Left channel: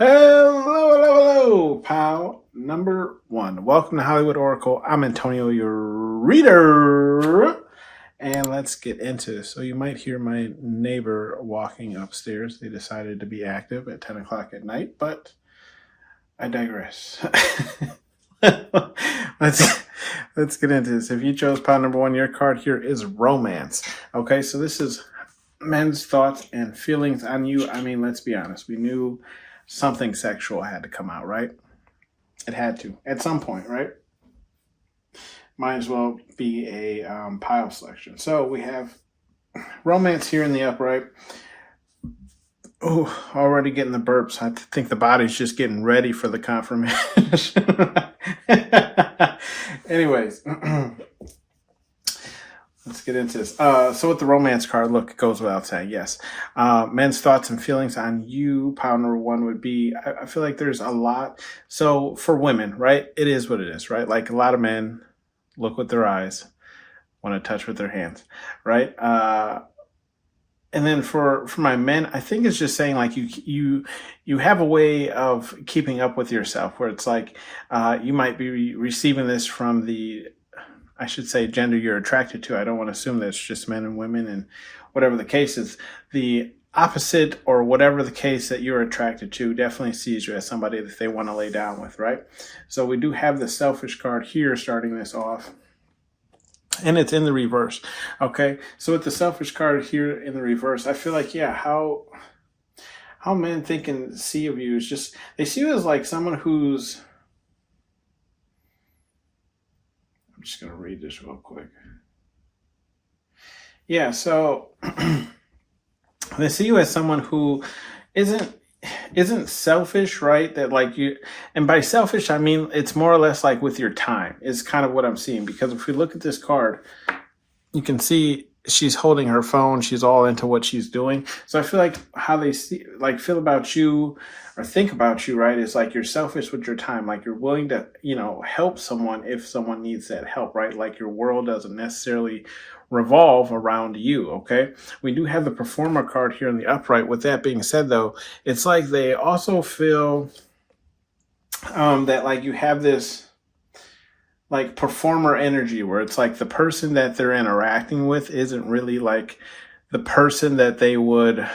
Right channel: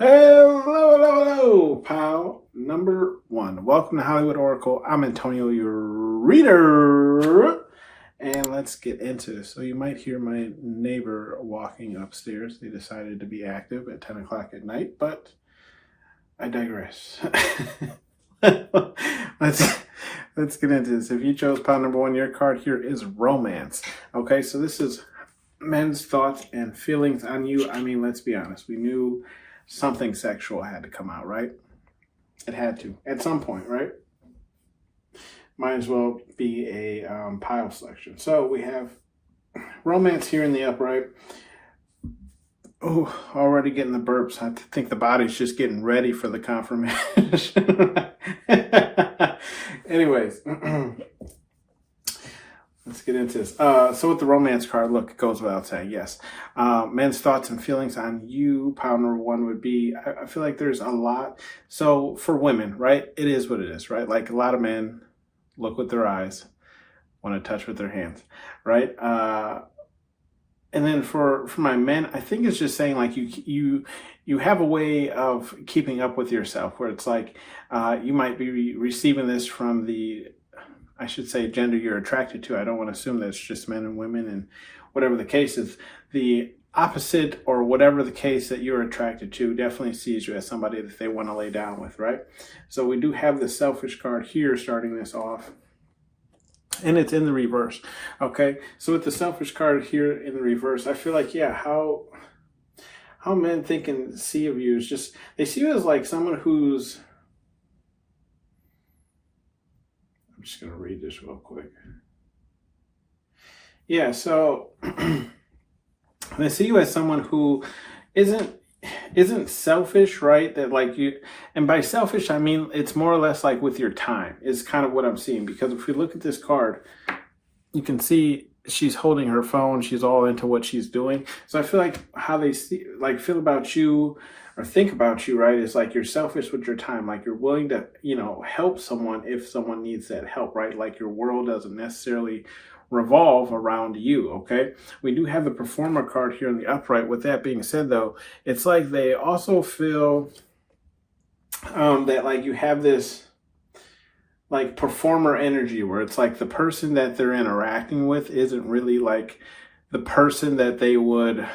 Hello, pal number one. Welcome to Hollywood Oracle. I'm Antonio, your reader. And let's get into this. So you might hear my neighbor walking upstairs. They decided to be active at 10 o'clock at night, but I digress. Let's get into this. If you chose pile number one, your card here is romance. Okay, so this is men's thoughts and feelings on you. I mean, let's be honest. We knew something sexual had to come out, right? It had to at some point, right? Might as well be a pile selection. So we have romance here in the upright. Oh, already getting the burps. I think the body's just getting ready for the confirmation. Anyways, let's get into this. So with the romance card, look, it goes without saying, yes. Men's thoughts and feelings on you, pile number one would be, I feel like there's a lot. So for women, right, it is what it is, right? Like a lot of men look with their eyes, want to touch with their hands, right? And then for my men, I think it's just saying like you have a way of keeping up with yourself where it's like you might be receiving this from the, I should say, gender you're attracted to. I don't want to assume that it's just men and women, and whatever the case is, the opposite or whatever the case that you're attracted to definitely sees you as somebody that they want to lay down with, right? So we do have the selfish card here starting this off. And it's in the reverse, okay? So with the selfish card here in the reverse, I feel like, yeah, how men think and see of you is just, they see you as like someone who's, I'm just going to read this real quick. Yeah, so they see you as someone who isn't selfish, right? That like you, and by selfish, I mean, it's more or less like with your time is kind of what I'm seeing. Because if we look at this card, you can see she's holding her phone. She's all into what she's doing. So I feel like how they see, like feel about you or think about you, right, is like you're selfish with your time. Like you're willing to, help someone if someone needs that help, right? Like your world doesn't necessarily revolve around you, okay? We do have the performer card here in the upright. With that being said, though, it's like they also feel that like you have this like performer energy where it's like the person that they're interacting with isn't really like the person that they would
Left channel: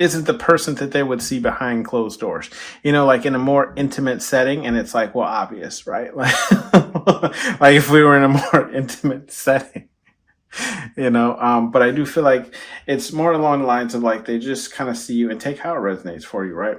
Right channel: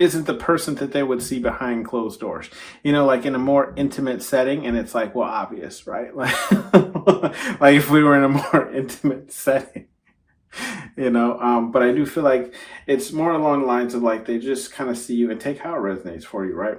isn't the person that they would see behind closed doors, like in a more intimate setting. And it's like, well, obvious, right? Like, like if we were in a more intimate setting, but I do feel like it's more along the lines of like, they just kind of see you and take how it resonates for you, right?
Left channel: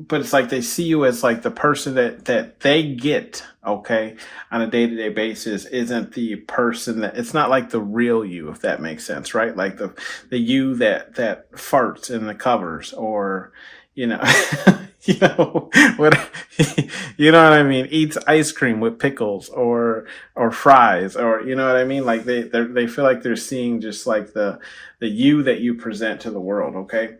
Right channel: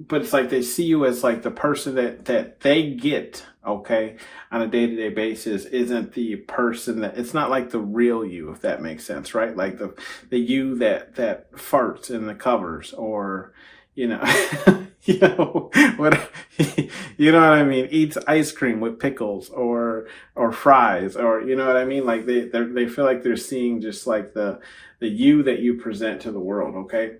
But it's like they see you as like the person that they get, okay, on a day-to-day basis isn't the person that, it's not like the real you, if that makes sense, right? Like the you that farts in the covers, or, what, you know what I mean? Eats ice cream with pickles or fries, or, you know what I mean? Like they feel like they're seeing just like the you that you present to the world, okay?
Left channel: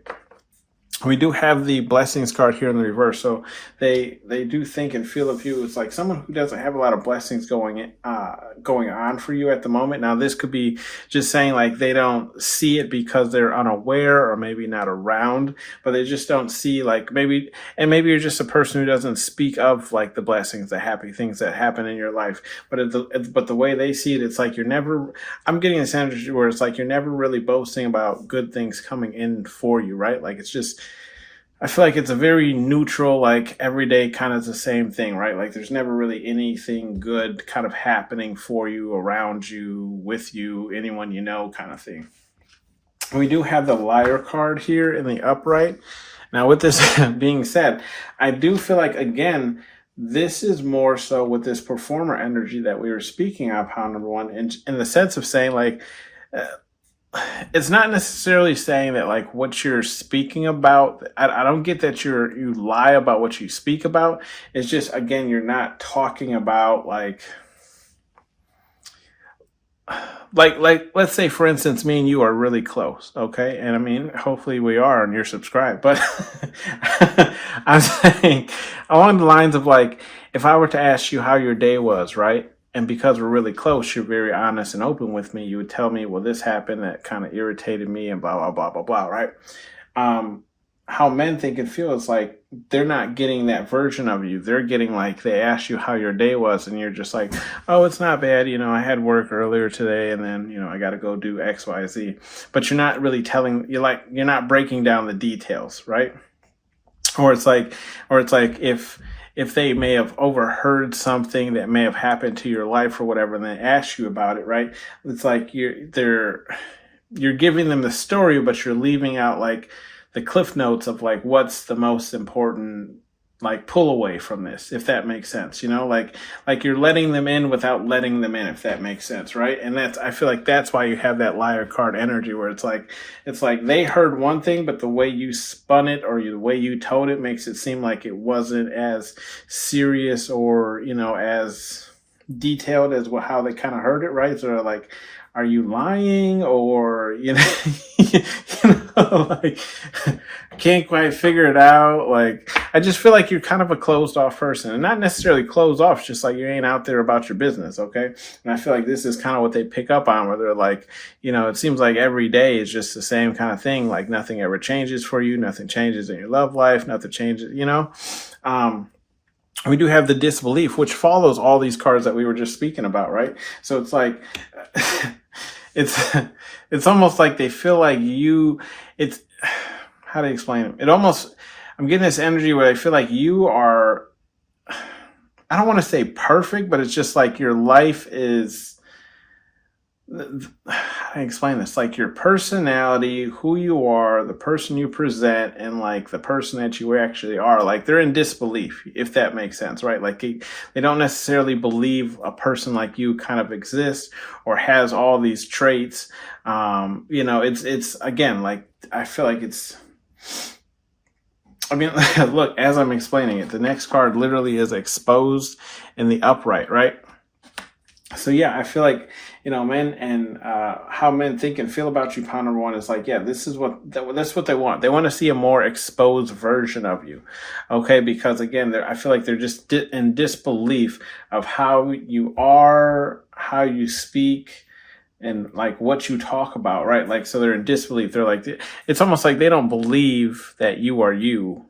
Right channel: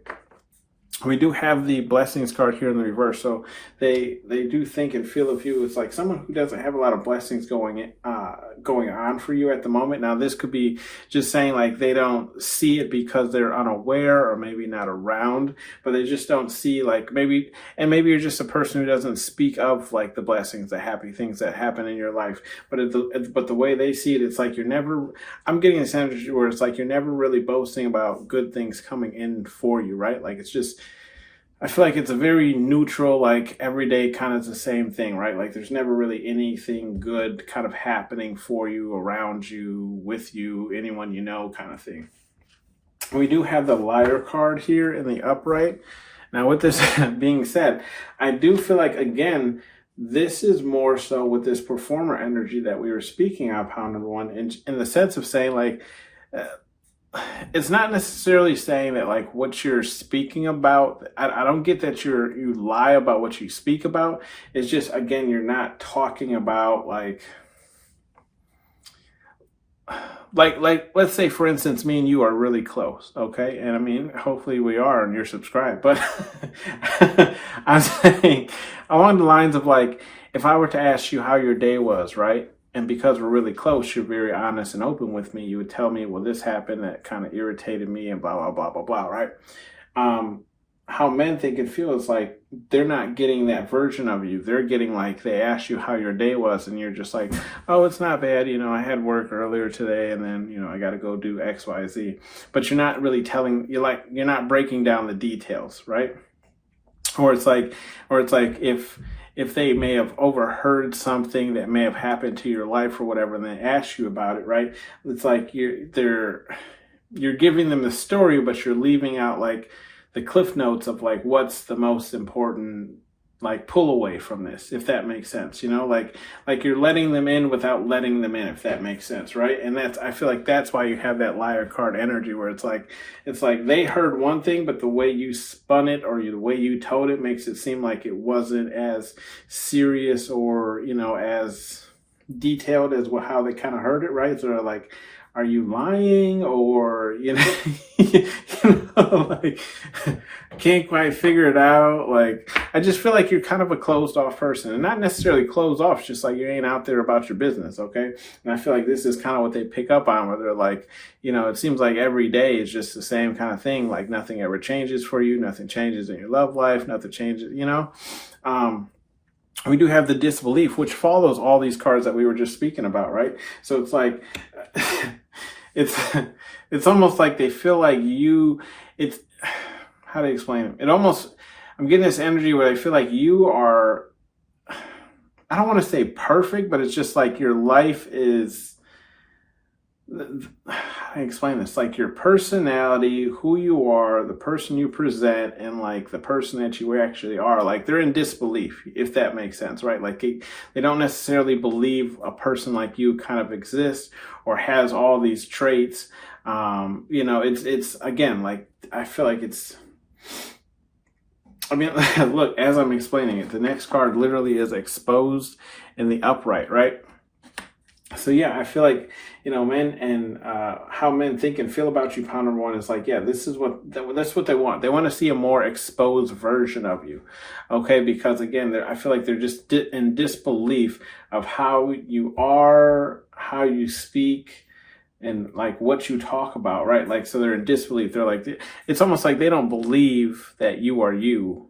We do have the blessings card here in the reverse. So they do think and feel of you as like someone who doesn't have a lot of blessings going on for you at the moment. Now, this could be just saying like they don't see it because they're unaware or maybe not around, but they just don't see like maybe you're just a person who doesn't speak of like the blessings, the happy things that happen in your life. But the way they see it, it's like you're never, I'm getting this energy where it's like you're never really boasting about good things coming in for you, right? Like it's just, I feel like it's a very neutral, like every day kind of the same thing, right? Like there's never really anything good kind of happening for you, around you, with you, anyone you know kind of thing. We do have the liar card here in the upright. Now with this being said, I do feel like, again, this is more so with this performer energy that we were speaking of, pile number one, in the sense of saying like, it's not necessarily saying that like what you're speaking about, I don't get that you lie about what you speak about. It's just, again, you're not talking about like let's say, for instance, me and you are really close, okay? And I mean, hopefully we are and you're subscribed, but I'm saying along the lines of like, if I were to ask you how your day was, right? and because we're really close, you're very honest and open with me. You would tell me, well, this happened that kind of irritated me and blah, blah, blah, blah, blah, right? How men think and feel is like they're not getting that version of you. They're getting like, they ask you how your day was and you're just like, oh, it's not bad. I had work earlier today and then, I got to go do X, Y, Z. But you're not really you're not breaking down the details, right? Or it's like if they may have overheard something that may have happened to your life or whatever, and they ask you about it, right? It's like you're giving them the story, but you're leaving out like the cliff notes of like what's the most important like pull away from this, if that makes sense, like you're letting them in without letting them in, if that makes sense, right? And I feel like that's why you have that liar card energy where it's like they heard one thing, but the way you spun it or the way you told it makes it seem like it wasn't as serious or as detailed as how they kind of heard it, right? So they're like, are you lying? Or, like, can't quite figure it out. Like, I just feel like you're kind of a closed off person, and not necessarily closed off, just like you ain't out there about your business. Okay. And I feel like this is kind of what they pick up on, where they're like, it seems like every day is just the same kind of thing. Like nothing ever changes for you. Nothing changes in your love life. Nothing changes, we do have the disbelief, which follows all these cards that we were just speaking about, right? So it's like, it's almost like they feel like how to explain it? I'm getting this energy where I feel like you are, I don't want to say perfect, but it's just like your life is, how do I explain this? Like your personality, who you are, the person you present, and like the person that you actually are, like they're in disbelief, if that makes sense, right? Like they don't necessarily believe a person like you kind of exists or has all these traits. It's again, like, I feel like look, as I'm explaining it, the next card literally is exposed in the upright, right? So yeah, I feel like, men and how men think and feel about you, pound number one is like, yeah, that's what they want. They want to see a more exposed version of you. Okay. Because again, I feel like they're just in disbelief of how you are, how you speak, and like what you talk about, right? Like, so they're in disbelief. They're like, it's almost like they don't believe that you are you.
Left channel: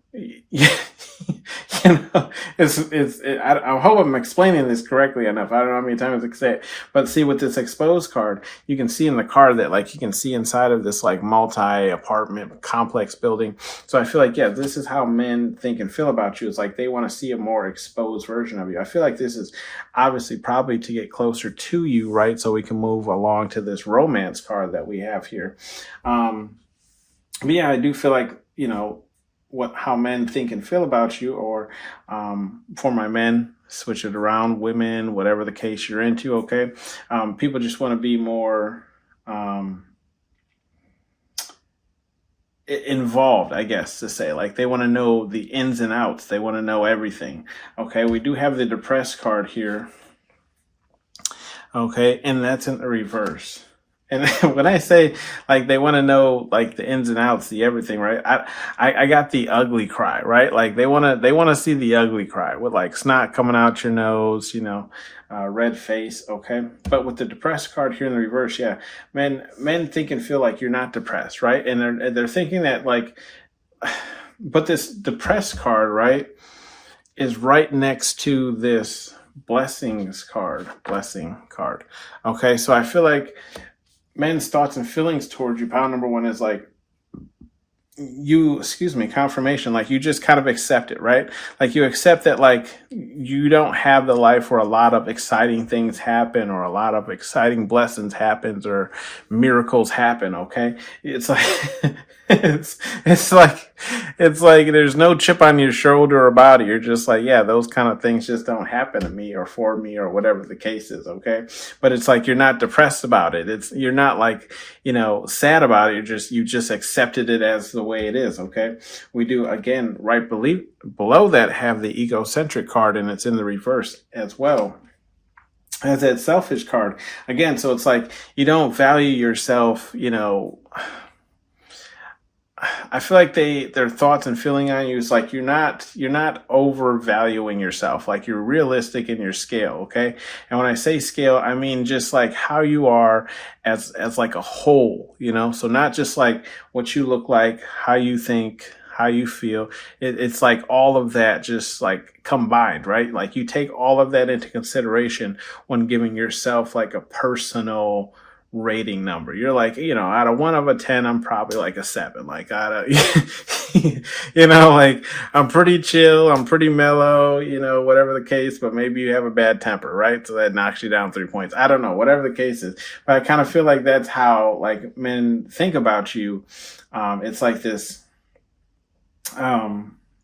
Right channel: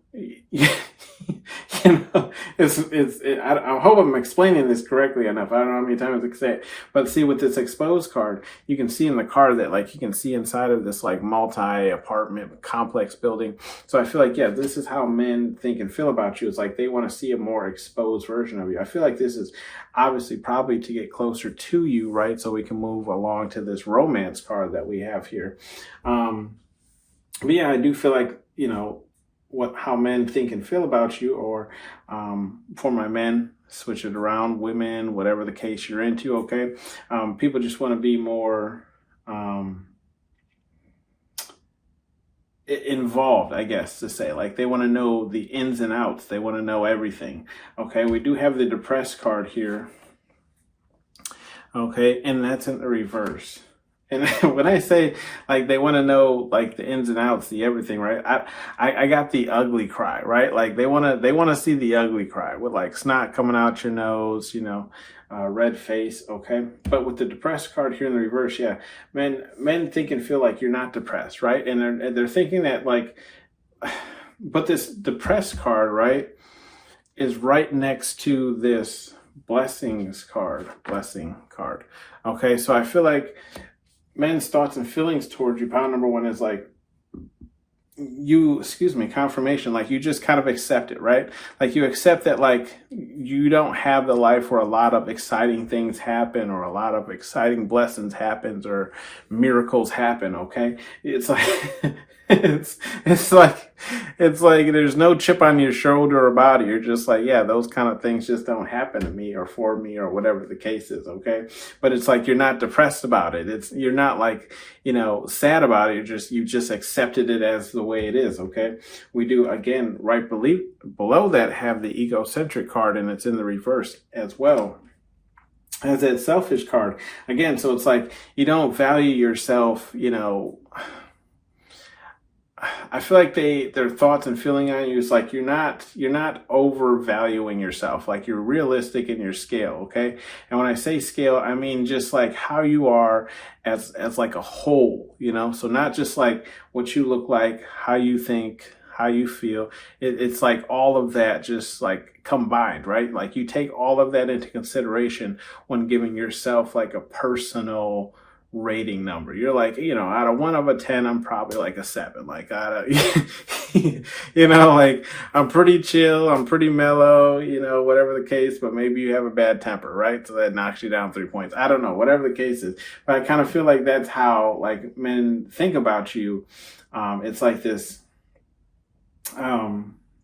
I hope I'm explaining this correctly enough. I don't know how many times I can say it, but see, with this exposed card, you can see in the card that like you can see inside of this like multi-apartment complex building. So I feel like, yeah, this is how men think and feel about you. It's like they want to see a more exposed version of you. I feel like this is obviously probably to get closer to you, right? So we can move along to this romance card that we have here. But yeah, I do feel like, how men think and feel about you, or for my men, switch it around, women, whatever the case you're into, okay? People just want to be more involved, I guess, to say. Like, they want to know the ins and outs. They want to know everything, okay? We do have the depressed card here, okay? And that's in the reverse. And when I say like they want to know like the ins and outs, the everything, right? I got the ugly cry, right? Like they want to see the ugly cry with like snot coming out your nose, red face, okay? But with the depressed card here in the reverse, yeah, men think and feel like you're not depressed, right? And they're thinking that like, but this depressed card, right, is right next to this blessing card. Okay, so I feel like men's thoughts and feelings towards you, pound number one, is like confirmation. Like you just kind of accept it, right? Like you accept that like you don't have the life where a lot of exciting things happen or a lot of exciting blessings happens or miracles happen, okay? It's like it's like there's no chip on your shoulder or body. You're just like, yeah, those kind of things just don't happen to me or for me or whatever the case is, okay? But it's like you're not depressed about it. You're not like, sad about it. You just accepted it as the way it is, okay? We do, again, right below that have the egocentric card, and it's in the reverse as well as that selfish card. Again, so it's like you don't value yourself, I feel like their thoughts and feeling on you is like you're not overvaluing yourself. Like you're realistic in your scale, okay? And when I say scale, I mean just like how you are as like a whole, you know? So not just like what you look like, how you think, how you feel. It's like all of that just like combined, right? Like you take all of that into consideration when giving yourself like a personal rating number. You're like, you know, out of 1 of a 10, I'm probably like a 7. Like out of, you know, like I'm pretty chill, I'm pretty mellow, you know, whatever the case, but maybe you have a bad temper, right? So that knocks you down 3 points. I don't know, whatever the case is. But I kind of feel like that's how like men think about you. It's like this,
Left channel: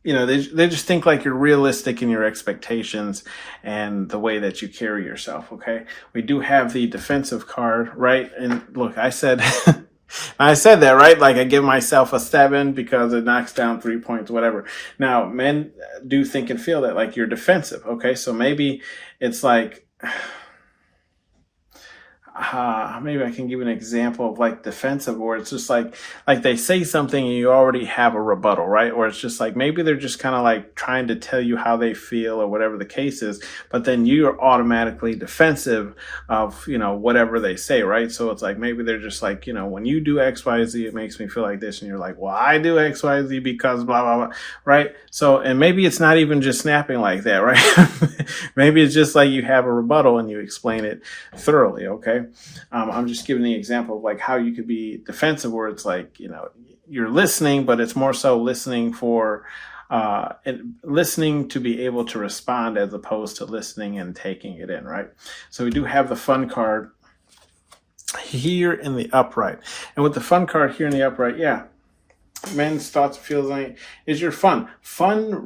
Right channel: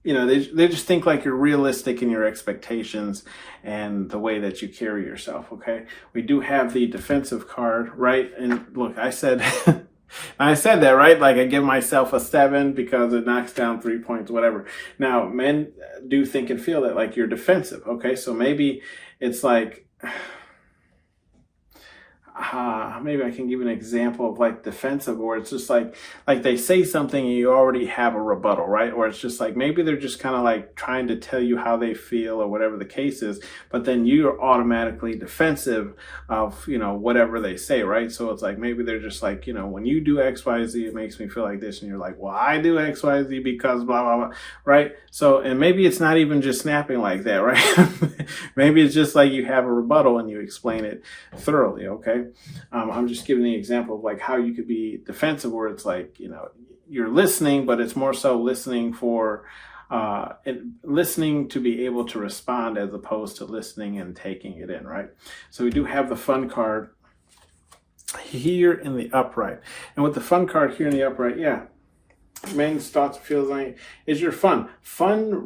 you know, they just think like you're realistic in your expectations and the way that you carry yourself. Okay. We do have the defensive card, right? And look, I said, I said that, right? Like I give myself a 7 because it knocks down 3 points, whatever. Now, men do think and feel that like you're defensive. Okay. So maybe it's like, maybe I can give an example of like defensive, or it's just like they say something and you already have a rebuttal, right? Or it's just like maybe they're just kind of like trying to tell you how they feel or whatever the case is, but then you're automatically defensive of, you know, whatever they say, right? So it's like maybe they're just like, you know, when you do X, Y, Z, it makes me feel like this, and you're like, well, I do X, Y, Z because blah blah blah, right? So, and maybe it's not even just snapping like that, right? Maybe it's just like you have a rebuttal and you explain it thoroughly, okay? I'm just giving the example of like how you could be defensive, where it's like, you know, you're listening, but it's more so listening for listening to be able to respond as opposed to listening and taking it in, right? So we do have the fun card here in the upright, and with the fun card here in the upright, yeah, men's thoughts and feelings is your fun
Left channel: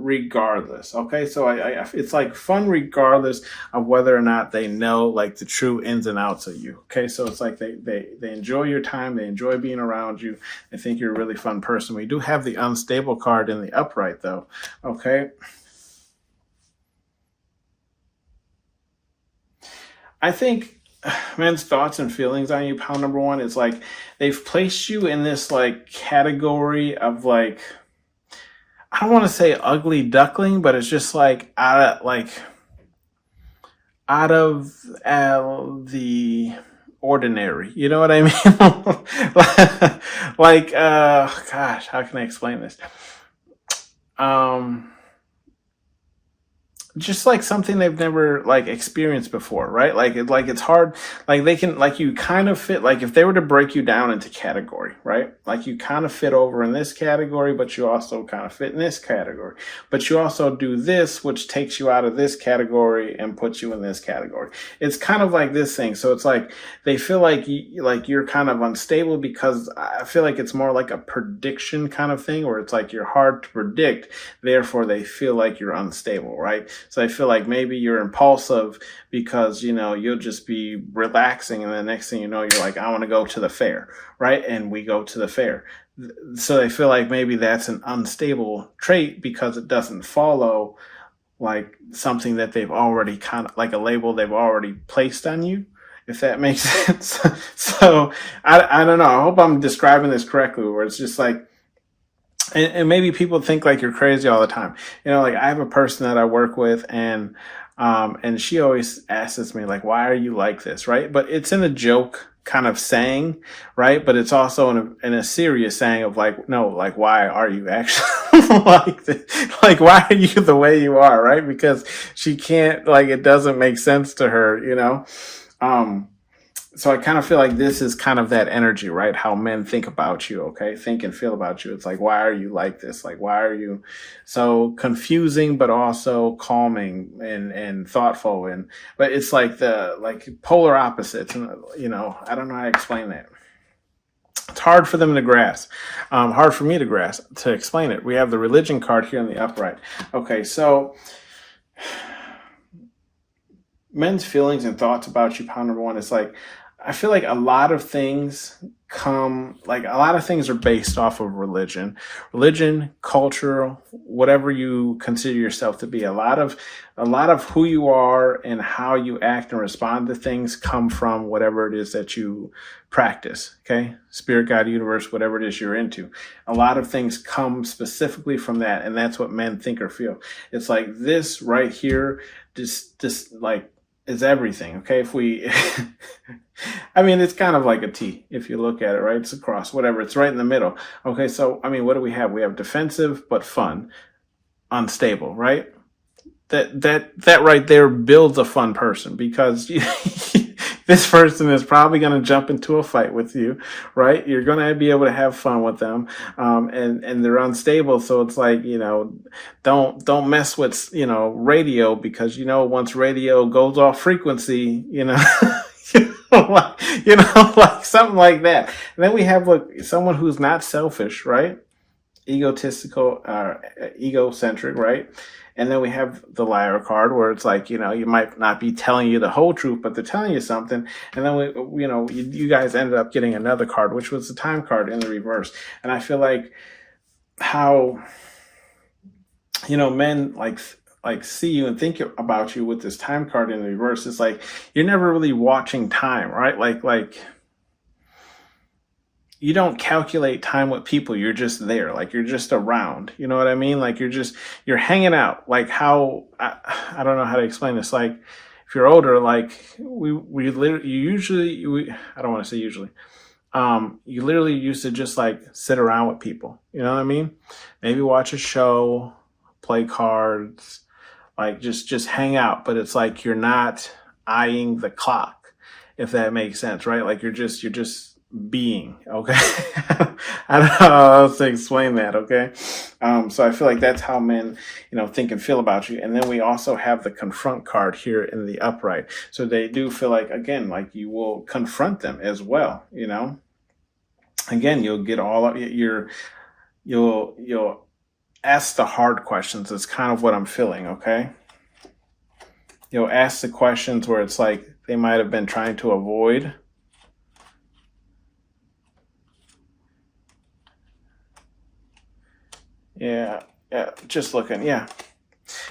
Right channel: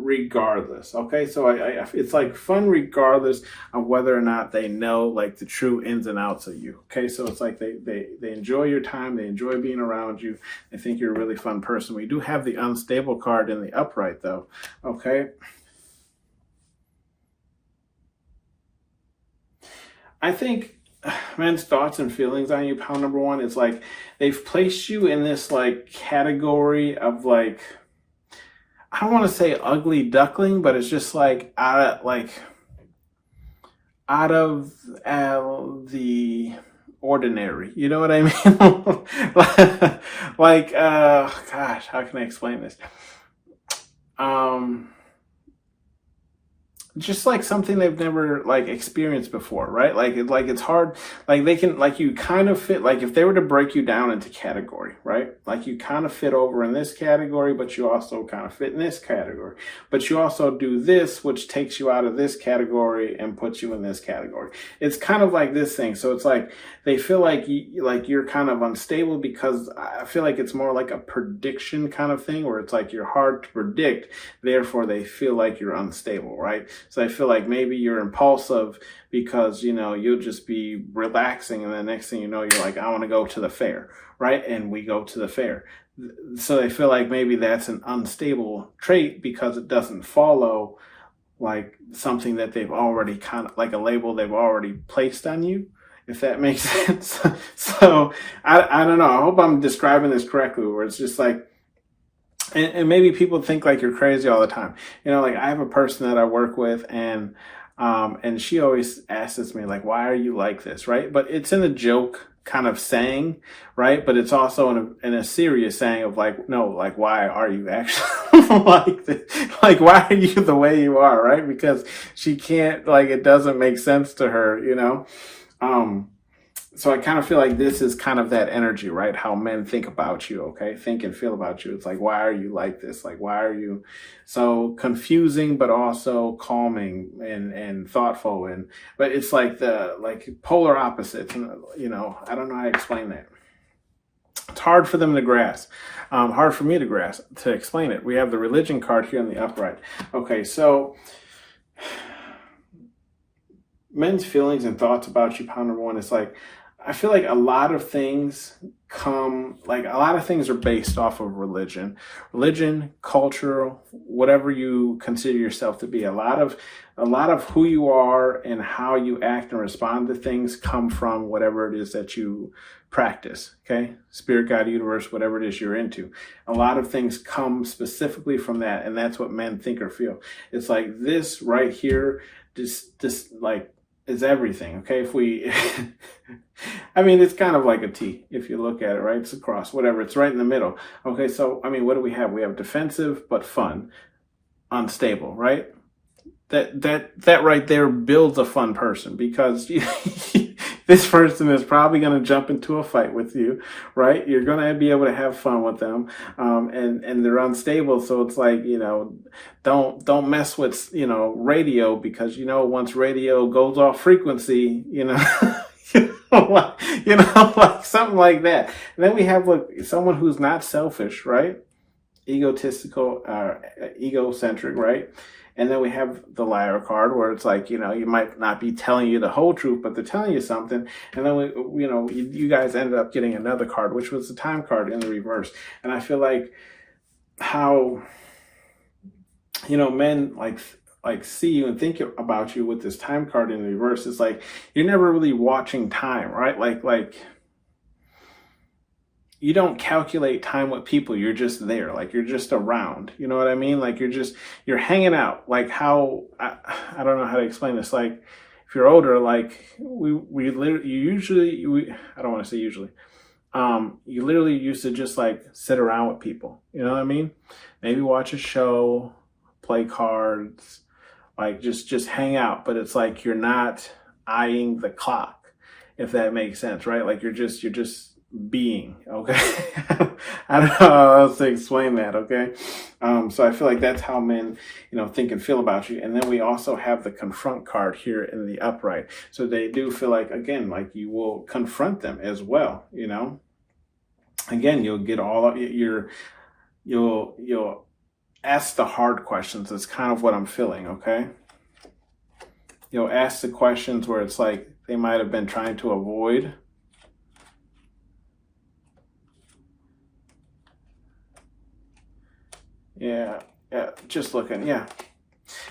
regardless. Okay, so it's like fun regardless of whether or not they know like the true ins and outs of you. Okay, so it's like they enjoy your time, they enjoy being around you, they think you're a really fun person. We do have the unstable card in the upright though. Okay, I think men's thoughts and feelings on you, pound number 1, is like they've placed you in this like category of like, I don't want to say ugly duckling, but it's just like out of the ordinary. You know what I mean? Like gosh, how can I explain this? Just like something they've never like experienced before, right? Like it's hard, like they can, like you kind of fit, like if they were to break you down into category, right? Like you kind of fit over in this category, but you also kind of fit in this category, but you also do this, which takes you out of this category and puts you in this category. It's kind of like this thing. So it's like they feel like you're kind of unstable, because I feel like it's more like a prediction kind of thing, where it's like you're hard to predict, therefore they feel like you're unstable, right? So I feel like maybe you're impulsive because, you know, you'll just be relaxing, and the next thing you know, you're like, I want to go to the fair, right? And we go to the fair. So they feel like maybe that's an unstable trait because it doesn't follow like something that they've already kind of like a label they've already placed on you, if that makes sense. So I don't know. I hope I'm describing this correctly, where it's just like, and maybe people think like you're crazy all the time. You know, like I have a person that I work with, and she always asks me like, why are you like this? Right. But it's in a joke kind of saying, right? But it's also in a serious saying of like, no, like, why are you actually like this? Like, why are you the way you are? Right. Because she can't, like, it doesn't make sense to her, you know? So I kind of feel like this is kind of that energy, right? How men think about you, okay? Think and feel about you. It's like, why are you like this? Like, why are you so confusing, but also calming and thoughtful? But it's like like polar opposites. And, you know, I don't know how to explain that. It's hard for them to grasp. Hard for me to explain it. We have the religion card here in the upright. Okay, so men's feelings and thoughts about you, pound number 1, is like, I feel like a lot of things are based off of religion, culture, whatever you consider yourself to be. A lot of who you are and how you act and respond to things come from whatever it is that you practice. Okay. Spirit, God, universe, whatever it is you're into. A lot of things come specifically from that. And that's what men think or feel. It's like this right here, just like, is everything. Okay. If we, I mean, it's kind of like a T if you look at it, right? It's a cross, whatever. It's right in the middle. Okay. So, I mean, what do we have? We have defensive, but fun, unstable, right? That right there builds a fun person, because this person is probably going to jump into a fight with you, right? You're going to be able to have fun with them, and they're unstable. So it's like, don't mess with radio, because once radio goes off frequency, like something like that. And then we have someone who's not selfish, right? Egotistical, egocentric, right? And then we have the liar card, where it's like, you might not be telling you the whole truth, but they're telling you something. And then you guys ended up getting another card, which was the time card in the reverse. And I feel like how, men like see you and think about you with this time card in the reverse. It's like, you're never really watching time, right? Like you don't calculate time with people. You're just there. Like, you're just around. You know what I mean? Like, you're hanging out. Like how, I don't know how to explain this. Like, if you're older, like we literally, I don't want to say usually, you literally used to just like sit around with people. You know what I mean? Maybe watch a show, play cards, like just hang out. But it's like, you're not eyeing the clock, if that makes sense, right? Like, you're just being, okay? I don't know how else to explain that, okay? So I feel like that's how men, think and feel about you. And then we also have the confront card here in the upright. So they do feel like, again, like you will confront them as well, Again, you'll get all of you'll ask the hard questions. That's kind of what I'm feeling, okay? You'll ask the questions where it's like they might have been trying to avoid. Yeah, just looking, yeah.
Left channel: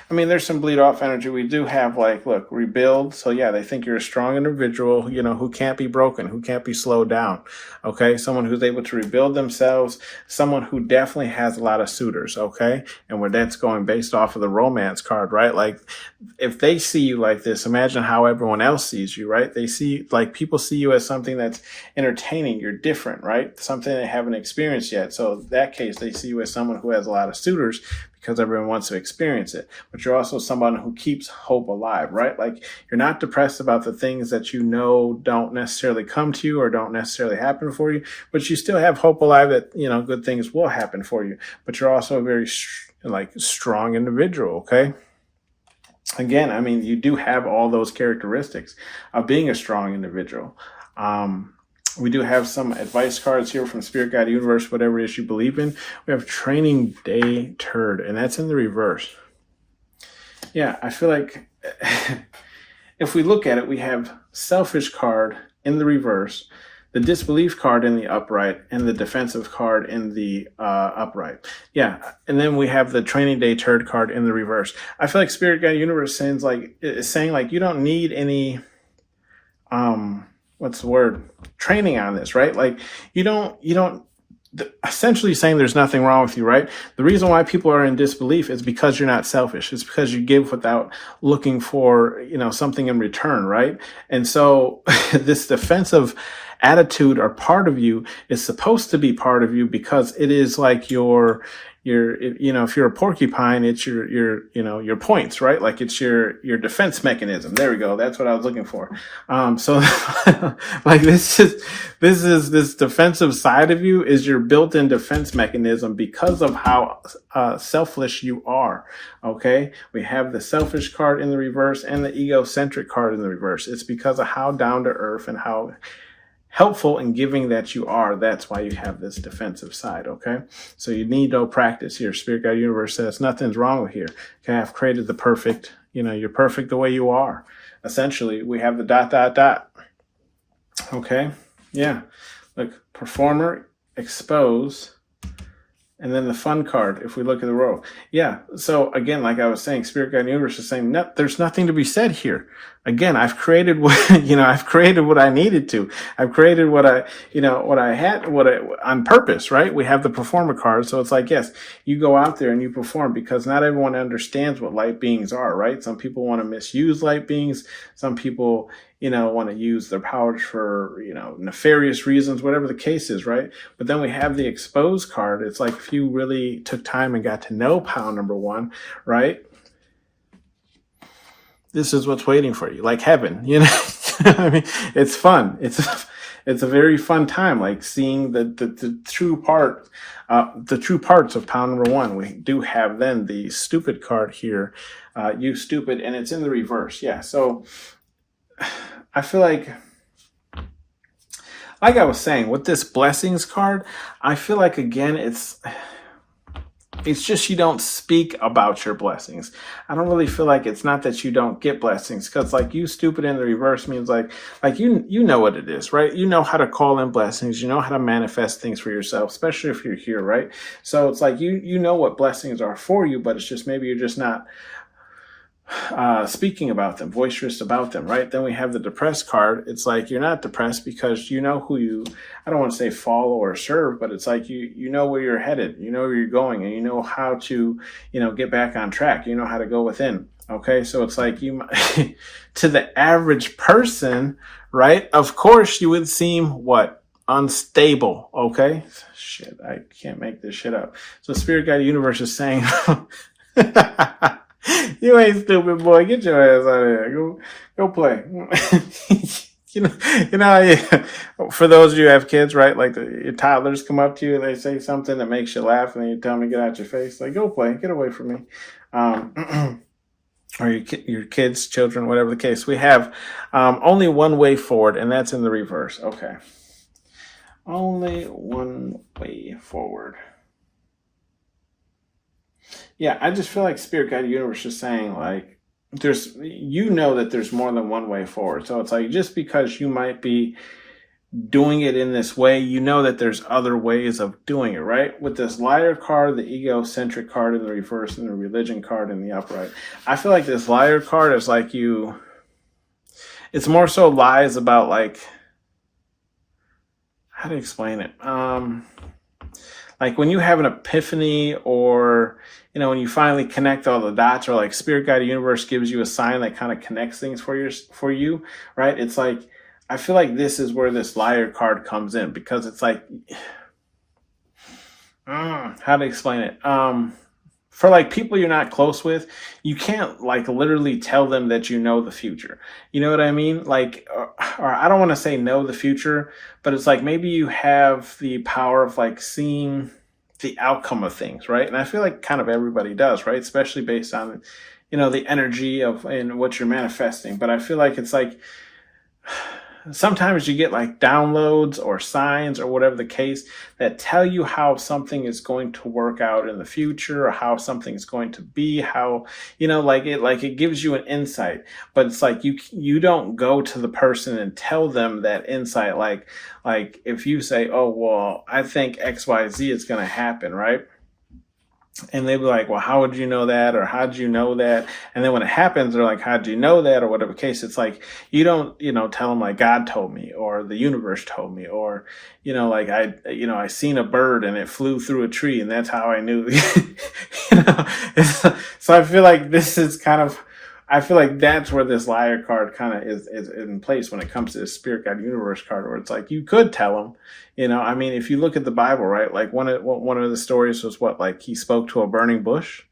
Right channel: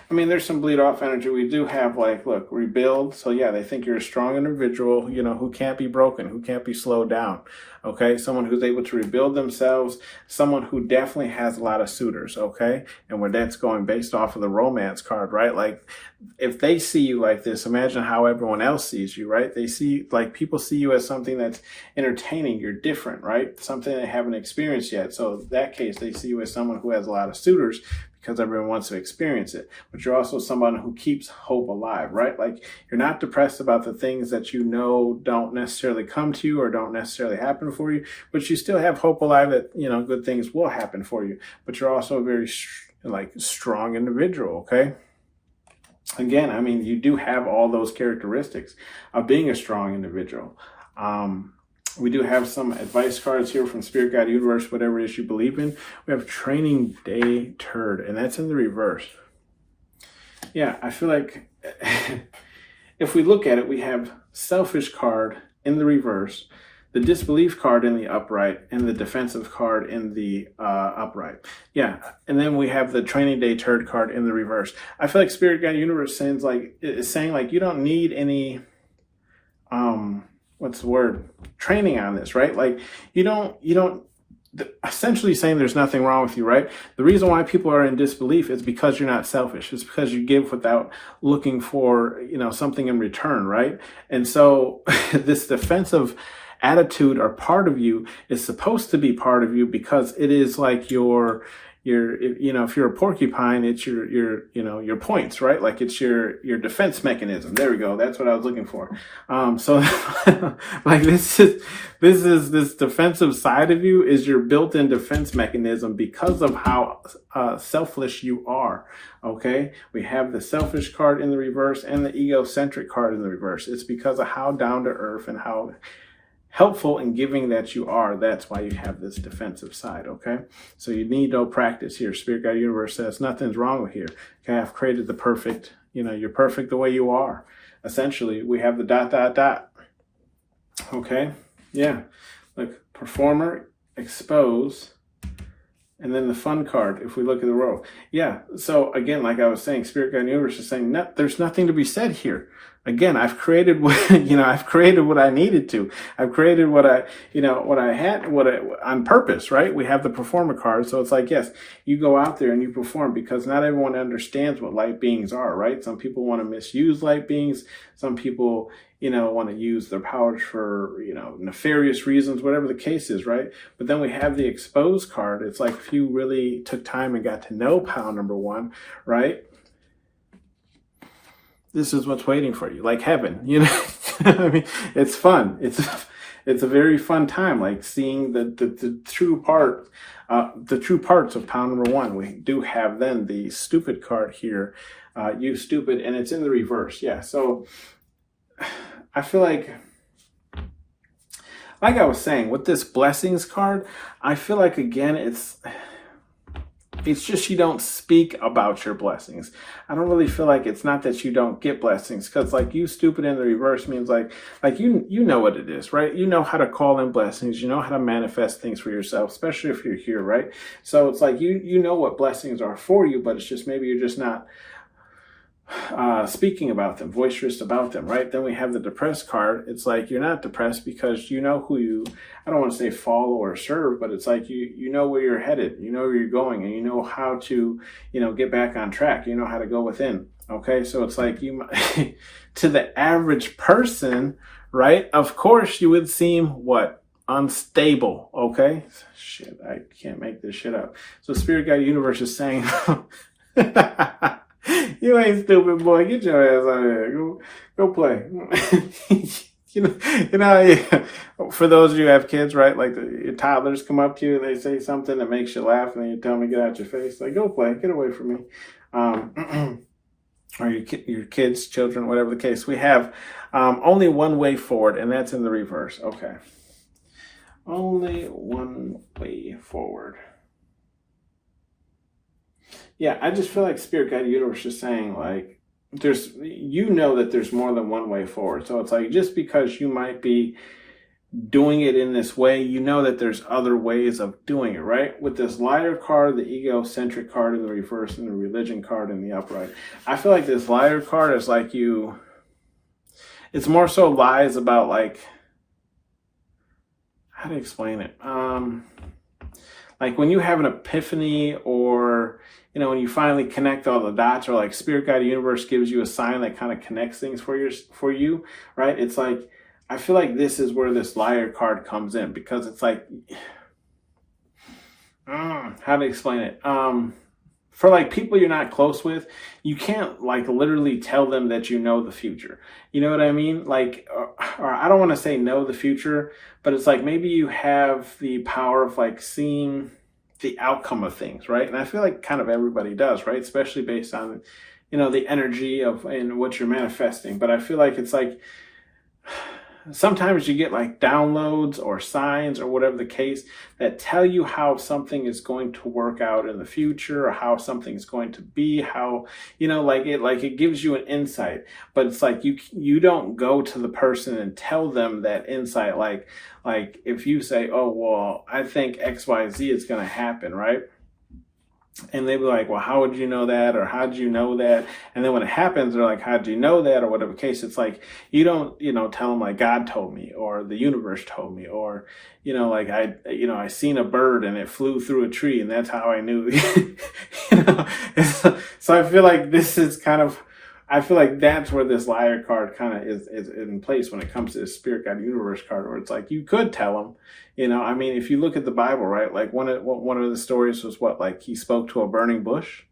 I mean, there's some bleed off energy. We do have look, rebuild. So yeah, they think you're a strong individual, who can't be broken, who can't be slowed down. Okay. Someone who's able to rebuild themselves, someone who definitely has a lot of suitors. Okay. And where that's going based off of the romance card, right? Like, if they see you like this, imagine how everyone else sees you, right? They see, people see you as something that's entertaining. You're different, right? Something they haven't experienced yet. So in that case, they see you as someone who has a lot of suitors, because everyone wants to experience it. But you're also someone who keeps hope alive, right? Like, you're not depressed about the things that don't necessarily come to you or don't necessarily happen for you, but you still have hope alive that, good things will happen for you. But you're also a very strong individual, okay? Again, I mean, you do have all those characteristics of being a strong individual. We do have some advice cards here from Spirit, God, Universe, whatever it is you believe in. We have Training Day Turd, and that's in the reverse. Yeah, I feel like if we look at it, we have Selfish card in the reverse, the Disbelief card in the upright, and the Defensive card in the upright. Yeah, and then we have the Training Day Turd card in the reverse. I feel like Spirit, God, Universe is saying you don't need any what's the word? Training on this, right? Like, you don't essentially saying there's nothing wrong with you, right? The reason why people are in disbelief is because you're not selfish. It's because you give without looking for, something in return, right? And so this defensive attitude or part of you is supposed to be part of you, because it is like if you're a porcupine, it's your points, right? Like, it's your defense mechanism. There we go. That's what I was looking for. So like, this defensive side of you is your built-in defense mechanism because of how selfish you are. Okay. We have the selfish card in the reverse and the egocentric card in the reverse. It's because of how down to earth and how helpful and giving that you are. That's why you have this defensive side, okay? So you need no practice here. Spirit, God, Universe says nothing's wrong with here. Okay, I've created the perfect, you're perfect the way you are. Essentially, we have the ... Okay. Yeah. Look, performer, expose, and then the fun card, if we look at the row. Yeah. So again, like I was saying, Spirit Guide Universe is saying, no, there's nothing to be said here. Again, I've created what, I've created what I needed to. I've created what what I had, on purpose, right? We have the performer card. So it's like, yes, you go out there and you perform, because not everyone understands what light beings are, right? Some people want to misuse light beings. Some people, want to use their powers for, nefarious reasons, whatever the case is, right? But then we have the exposed card. It's like, if you really took time and got to know pal number one, right? This is what's waiting for you, like heaven, I mean, it's fun. It's a very fun time, like seeing the true part, the true parts of pal number one. We do have then the stupid card here, you stupid, and it's in the reverse. Yeah. So I feel like I was saying, with this blessings card, I feel like, again, it's just you don't speak about your blessings. I don't really feel like it's not that you don't get blessings, because like you stupid in the reverse means like you know what it is, right? You know how to call in blessings. You know how to manifest things for yourself, especially if you're here, right? So it's like you know what blessings are for you, but it's just maybe you're just not speaking about them, boisterous about them, right? Then we have the depressed card. It's like you're not depressed because you know who you, I don't want to say follow or serve, but it's like you know where you're headed, you know where you're going, and you know how to, get back on track. You know how to go within. Okay, so it's like you, to the average person, right? Of course, you would seem what? Unstable. Okay, shit, I can't make this shit up. So Spirit Guide Universe is saying. You ain't stupid, boy. Get your ass out of here. Go play. For those of you who have kids, right? Like your toddlers come up to you, they say something that makes you laugh, and then you tell them to get out your face. Like, go play. Get away from me. Or your kids, children, whatever the case. We have only one way forward, and that's in the reverse. Okay. Only one way forward. Yeah, I just feel like Spirit Guide Universe is saying, like, that there's more than one way forward. So it's like, just because you might be doing it in this way, that there's other ways of doing it, right? With this liar card, the egocentric card in the reverse, and the religion card in the upright. I feel like this liar card is like it's more so lies about, like, how to explain it? Like when you have an epiphany, or when you finally connect all the dots, or like Spirit Guide Universe gives you a sign that kind of connects things for you, right? It's like, I feel like this is where this liar card comes in, because it's like, how to explain it? For like people you're not close with, you can't like literally tell them that you know the future. You know what I mean? Like, or I don't want to say know the future, but it's like maybe you have the power of like seeing the outcome of things, right? And I feel like kind of everybody does, right? Especially based on, the energy of and what you're manifesting. But I feel like it's like, sometimes you get like downloads or signs or whatever the case that tell you how something is going to work out in the future, or how something is going to be, how, it gives you an insight. But it's like you don't go to the person and tell them that insight. Like if you say, oh, well, I think XYZ is going to happen, right? And they'd be like, well, how would you know that? Or how did you know that? And then when it happens, they're like, how did you know that? Or whatever case. It's like, you don't, tell them like God told me, or the universe told me, or, like I seen a bird and it flew through a tree, and that's how I knew, So I feel like I feel like that's where this liar card kind of is in place when it comes to the Spirit Guide Universe card, where it's like, you could tell them, I mean, if you look at the Bible, right? Like one of the stories was like he spoke to a burning bush,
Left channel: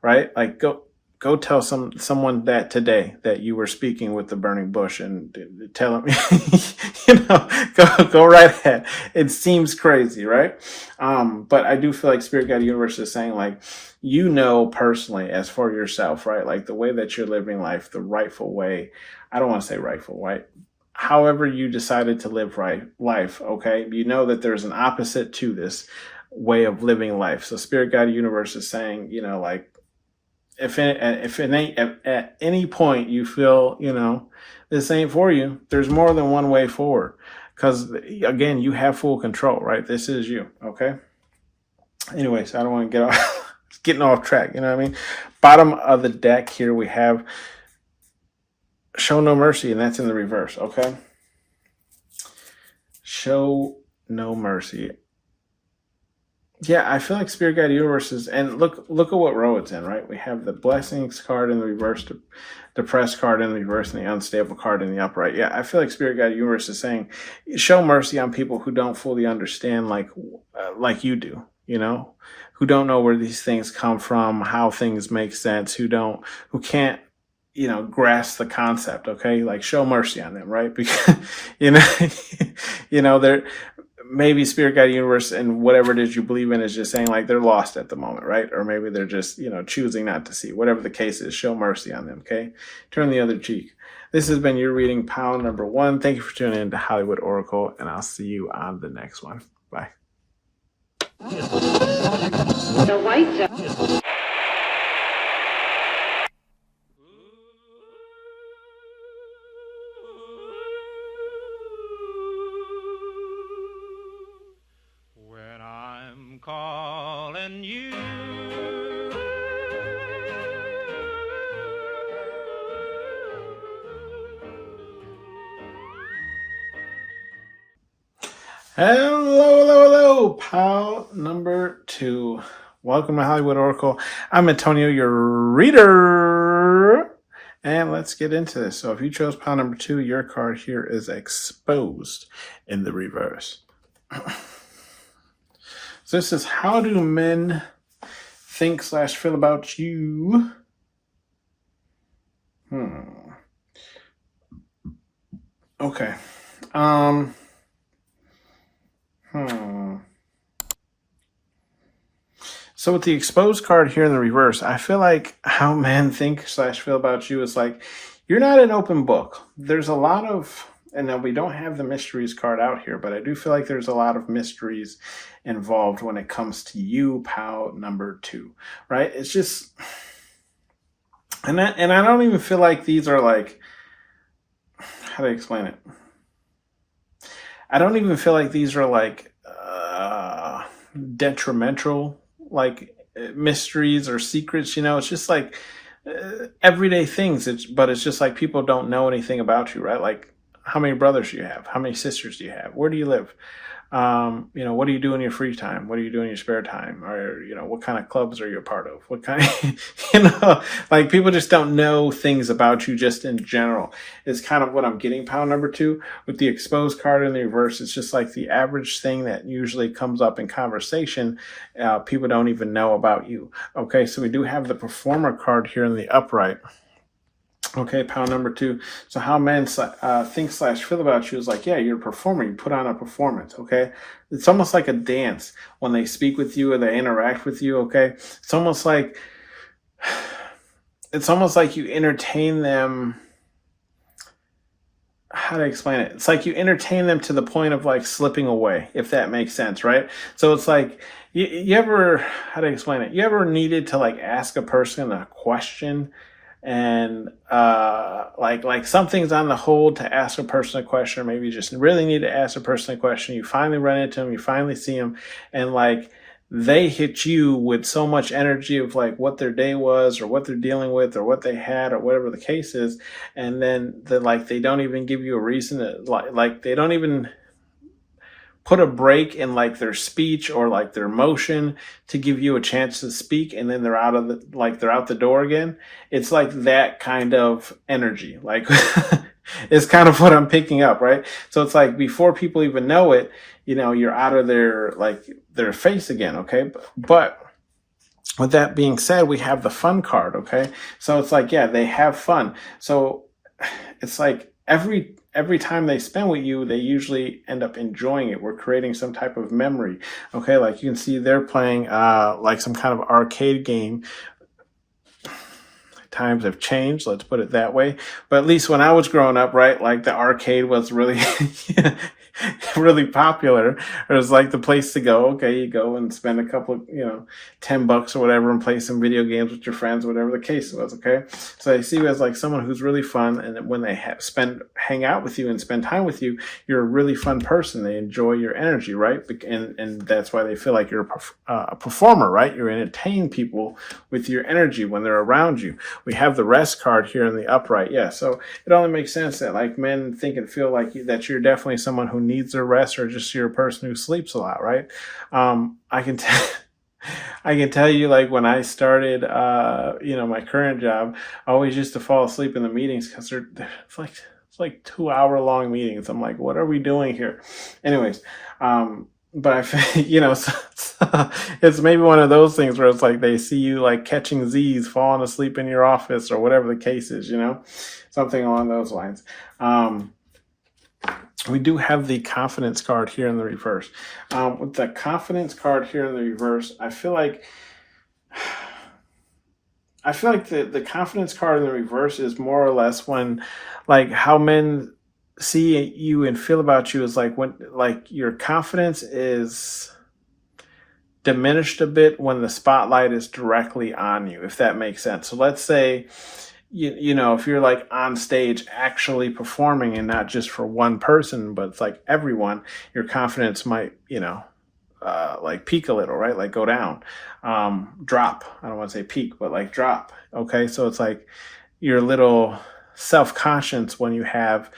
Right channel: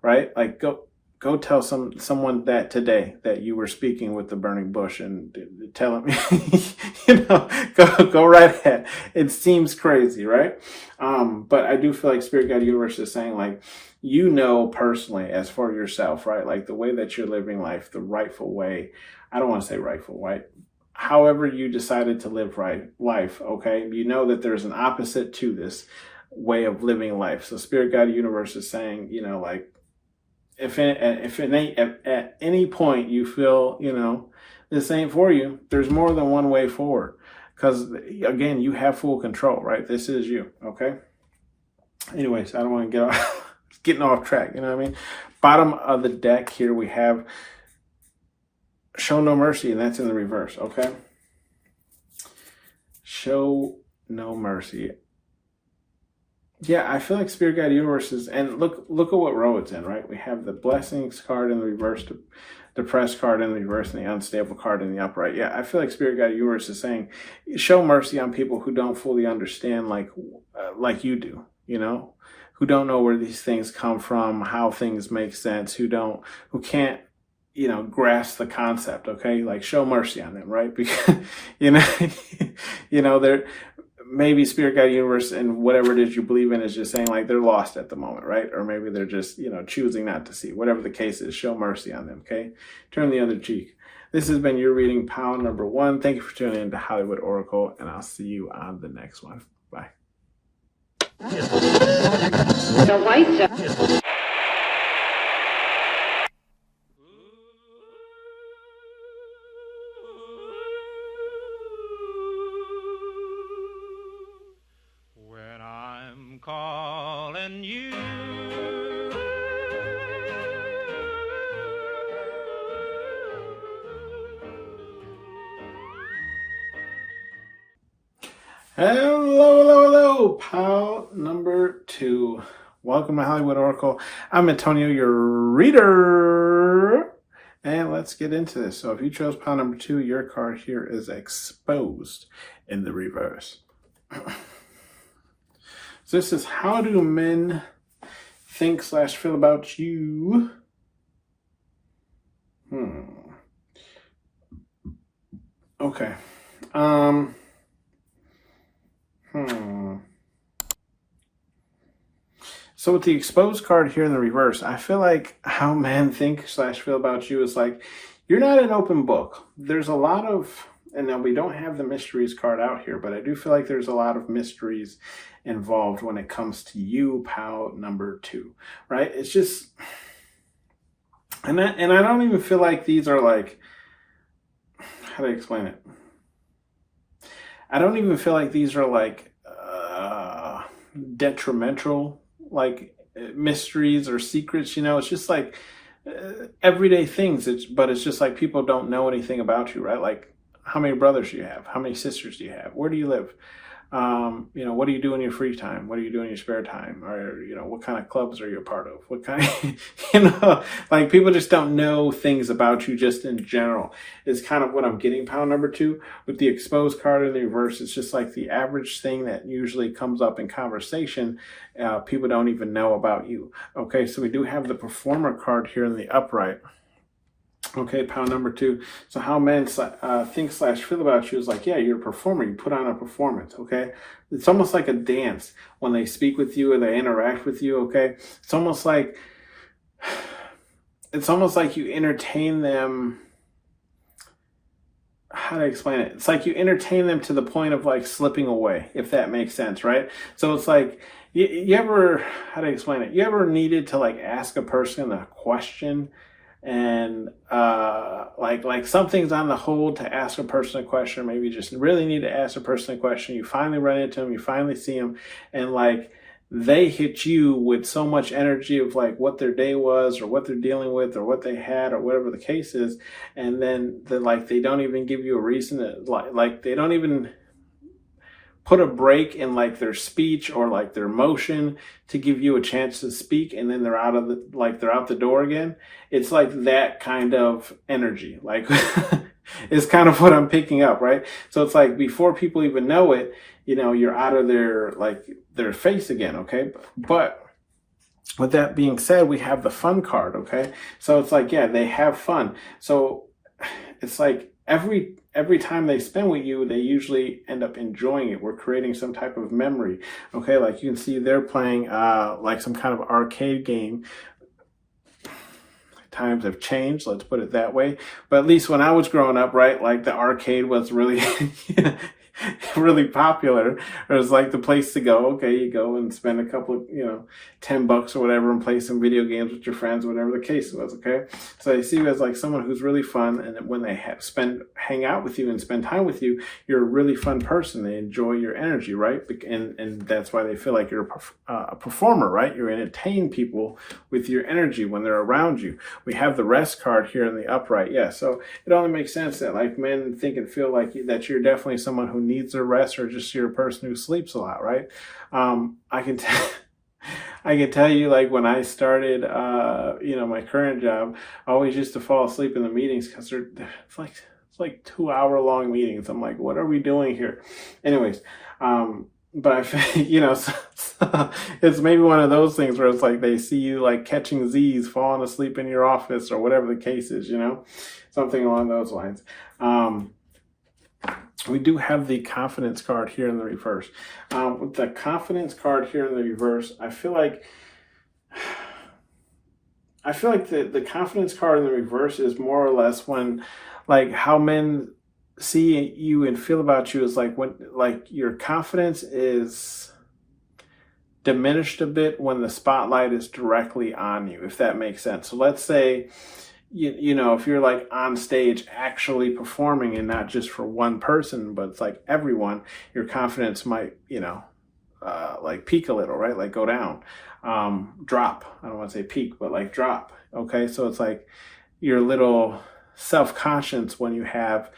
right? Like go tell someone that today that you were speaking with the burning bush, and tell them, go right ahead. It seems crazy, right? But I do feel like Spirit Guide Universe is saying, like, personally, as for yourself, right? Like the way that you're living life, the rightful way. I don't want to say rightful, right? However you decided to live life, okay? That there's an opposite to this way of living life. So Spirit Guide Universe is saying, if at any point you feel, this ain't for you. There's more than one way forward. Because, again, you have full control, right? This is you, okay? Anyways, I don't want to get off, getting off track, you know what I mean? Bottom of the deck here, we have show no mercy, and that's in the reverse, okay? Show no mercy. Yeah, I feel like Spirit Guide Universe is, and look at what row it's in, right? We have the Blessings card in the reverse, the Depressed card in the reverse, and the Unstable card in the upright. Yeah, I feel like Spirit Guide Universe is saying, show mercy on people who don't fully understand like you do, you know? Who don't know where these things come from, how things make sense, who can't, you know, grasp the concept, okay? Like, show mercy on them, right? Because, they're, maybe Spirit Guide Universe and whatever it is you believe in is just saying like they're lost at the moment, right? Or maybe they're just, choosing not to see. Whatever the case is, show mercy on them, okay? Turn the other cheek. This has been your reading, pile number 1. Thank you for tuning in to Hollywood Oracle, and I'll see you on the next one. Bye. The white calling you. Hello, pile number 2. Welcome to Hollywood Oracle. I'm Antonio, your reader. And let's get into this. So if you chose pile number 2, your card here is exposed in the reverse. So this is, how do men think / feel about you? Okay. So with the exposed card here in the reverse, I feel like how men think / feel about you is like, you're not an open book. There's a lot of, and now we don't have the mysteries card out here, but I do feel like there's a lot of mysteries involved when it comes to you, pal number 2, right? It's just, and I don't even feel like these are like, how do I explain it? I don't even feel like these are like detrimental, like mysteries or secrets, it's just like everyday things. But it's just like people don't know anything about you, right? Like, how many brothers do you have? How many sisters do you have? Where do you live? What do you do in your free time? What do you do in your spare time? Or, what kind of clubs are you a part of? What kind of, like people just don't know things about you just in general is kind of what I'm getting pile number 2 with the exposed card in the reverse. It's just like the average thing that usually comes up in conversation. People don't even know about you. Okay. So we do have the performer card here in the upright. Okay, pile number 2. So how men think / feel about you is like, yeah, you're a performer. You put on a performance, okay? It's almost like a dance when they speak with you or they interact with you, okay? It's almost like you entertain them. How do I explain it? It's like you entertain them to the point of like slipping away, if that makes sense, right? So it's like, you ever, how do I explain it? You ever needed to like ask a person a question, and like something's on the hold to ask a person a question, or maybe you just really need to ask a person a question. You finally run into them, you finally see them, and like they hit you with so much energy of like what their day was or what they're dealing with or what they had or whatever the case is, and then they don't even give you a reason to like they don't even put a break in like their speech or like their motion to give you a chance to speak, and then they're out the door again. It's like that kind of energy, like is kind of what I'm picking up, right? So it's like before people even know it, you're out of their face again, okay? But with that being said, we have the fun card, okay? So it's like, yeah, they have fun. So it's like every time they spend with you, they usually end up enjoying it. We're creating some type of memory. Okay, like you can see they're playing like some kind of arcade game. Times have changed, let's put it that way. But at least when I was growing up, right, like the arcade was really really popular, or it's like the place to go. Okay, you go and spend a couple of, $10 or whatever and play some video games with your friends, whatever the case was. Okay, so they see you as like someone who's really fun, and when they hang out with you and spend time with you, you're a really fun person. They enjoy your energy, right? And that's why they feel like you're a performer, right? You entertain people with your energy when they're around you. We have the rest card here in the upright. Yeah, so it only makes sense that like men think and feel like that you're definitely someone who needs their rest, or just you're a person who sleeps a lot, right? I can tell. I can tell you, like when I started, my current job, I always used to fall asleep in the meetings because it's like 2 hour long meetings. I'm like, what are we doing here? Anyways, but it's maybe one of those things where it's like they see you like catching Z's, falling asleep in your office, or whatever the case is, something along those lines. We do have the confidence card here in the reverse. With the confidence card here in the reverse, I feel like the confidence card in the reverse is more or less when, like, how men see you and feel about you is like when, like, your confidence is diminished a bit when the spotlight is directly on you, if that makes sense. So let's say, if you're like on stage actually performing and not just for one person, but it's like everyone, your confidence might, like peak a little, right? Like go down, drop. I don't want to say peak, but like drop. Okay. So it's like you're a little self-conscious when you have,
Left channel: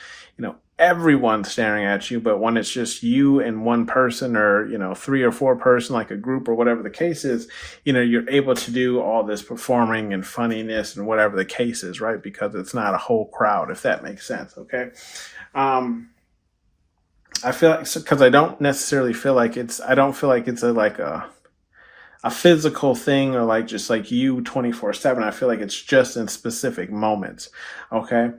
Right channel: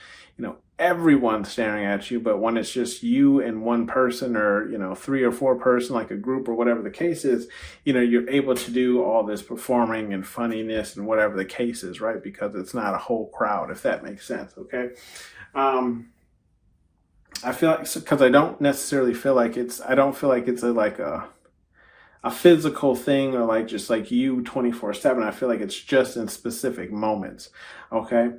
everyone staring at you, but when it's just you and one person, or 3 or 4 person, like a group or whatever the case is, you're able to do all this performing and funniness and whatever the case is, right? Because it's not a whole crowd, if that makes sense. Okay. I feel like, because I don't feel like it's a physical thing, or like just like you 24/7. I feel like it's just in specific moments. Okay.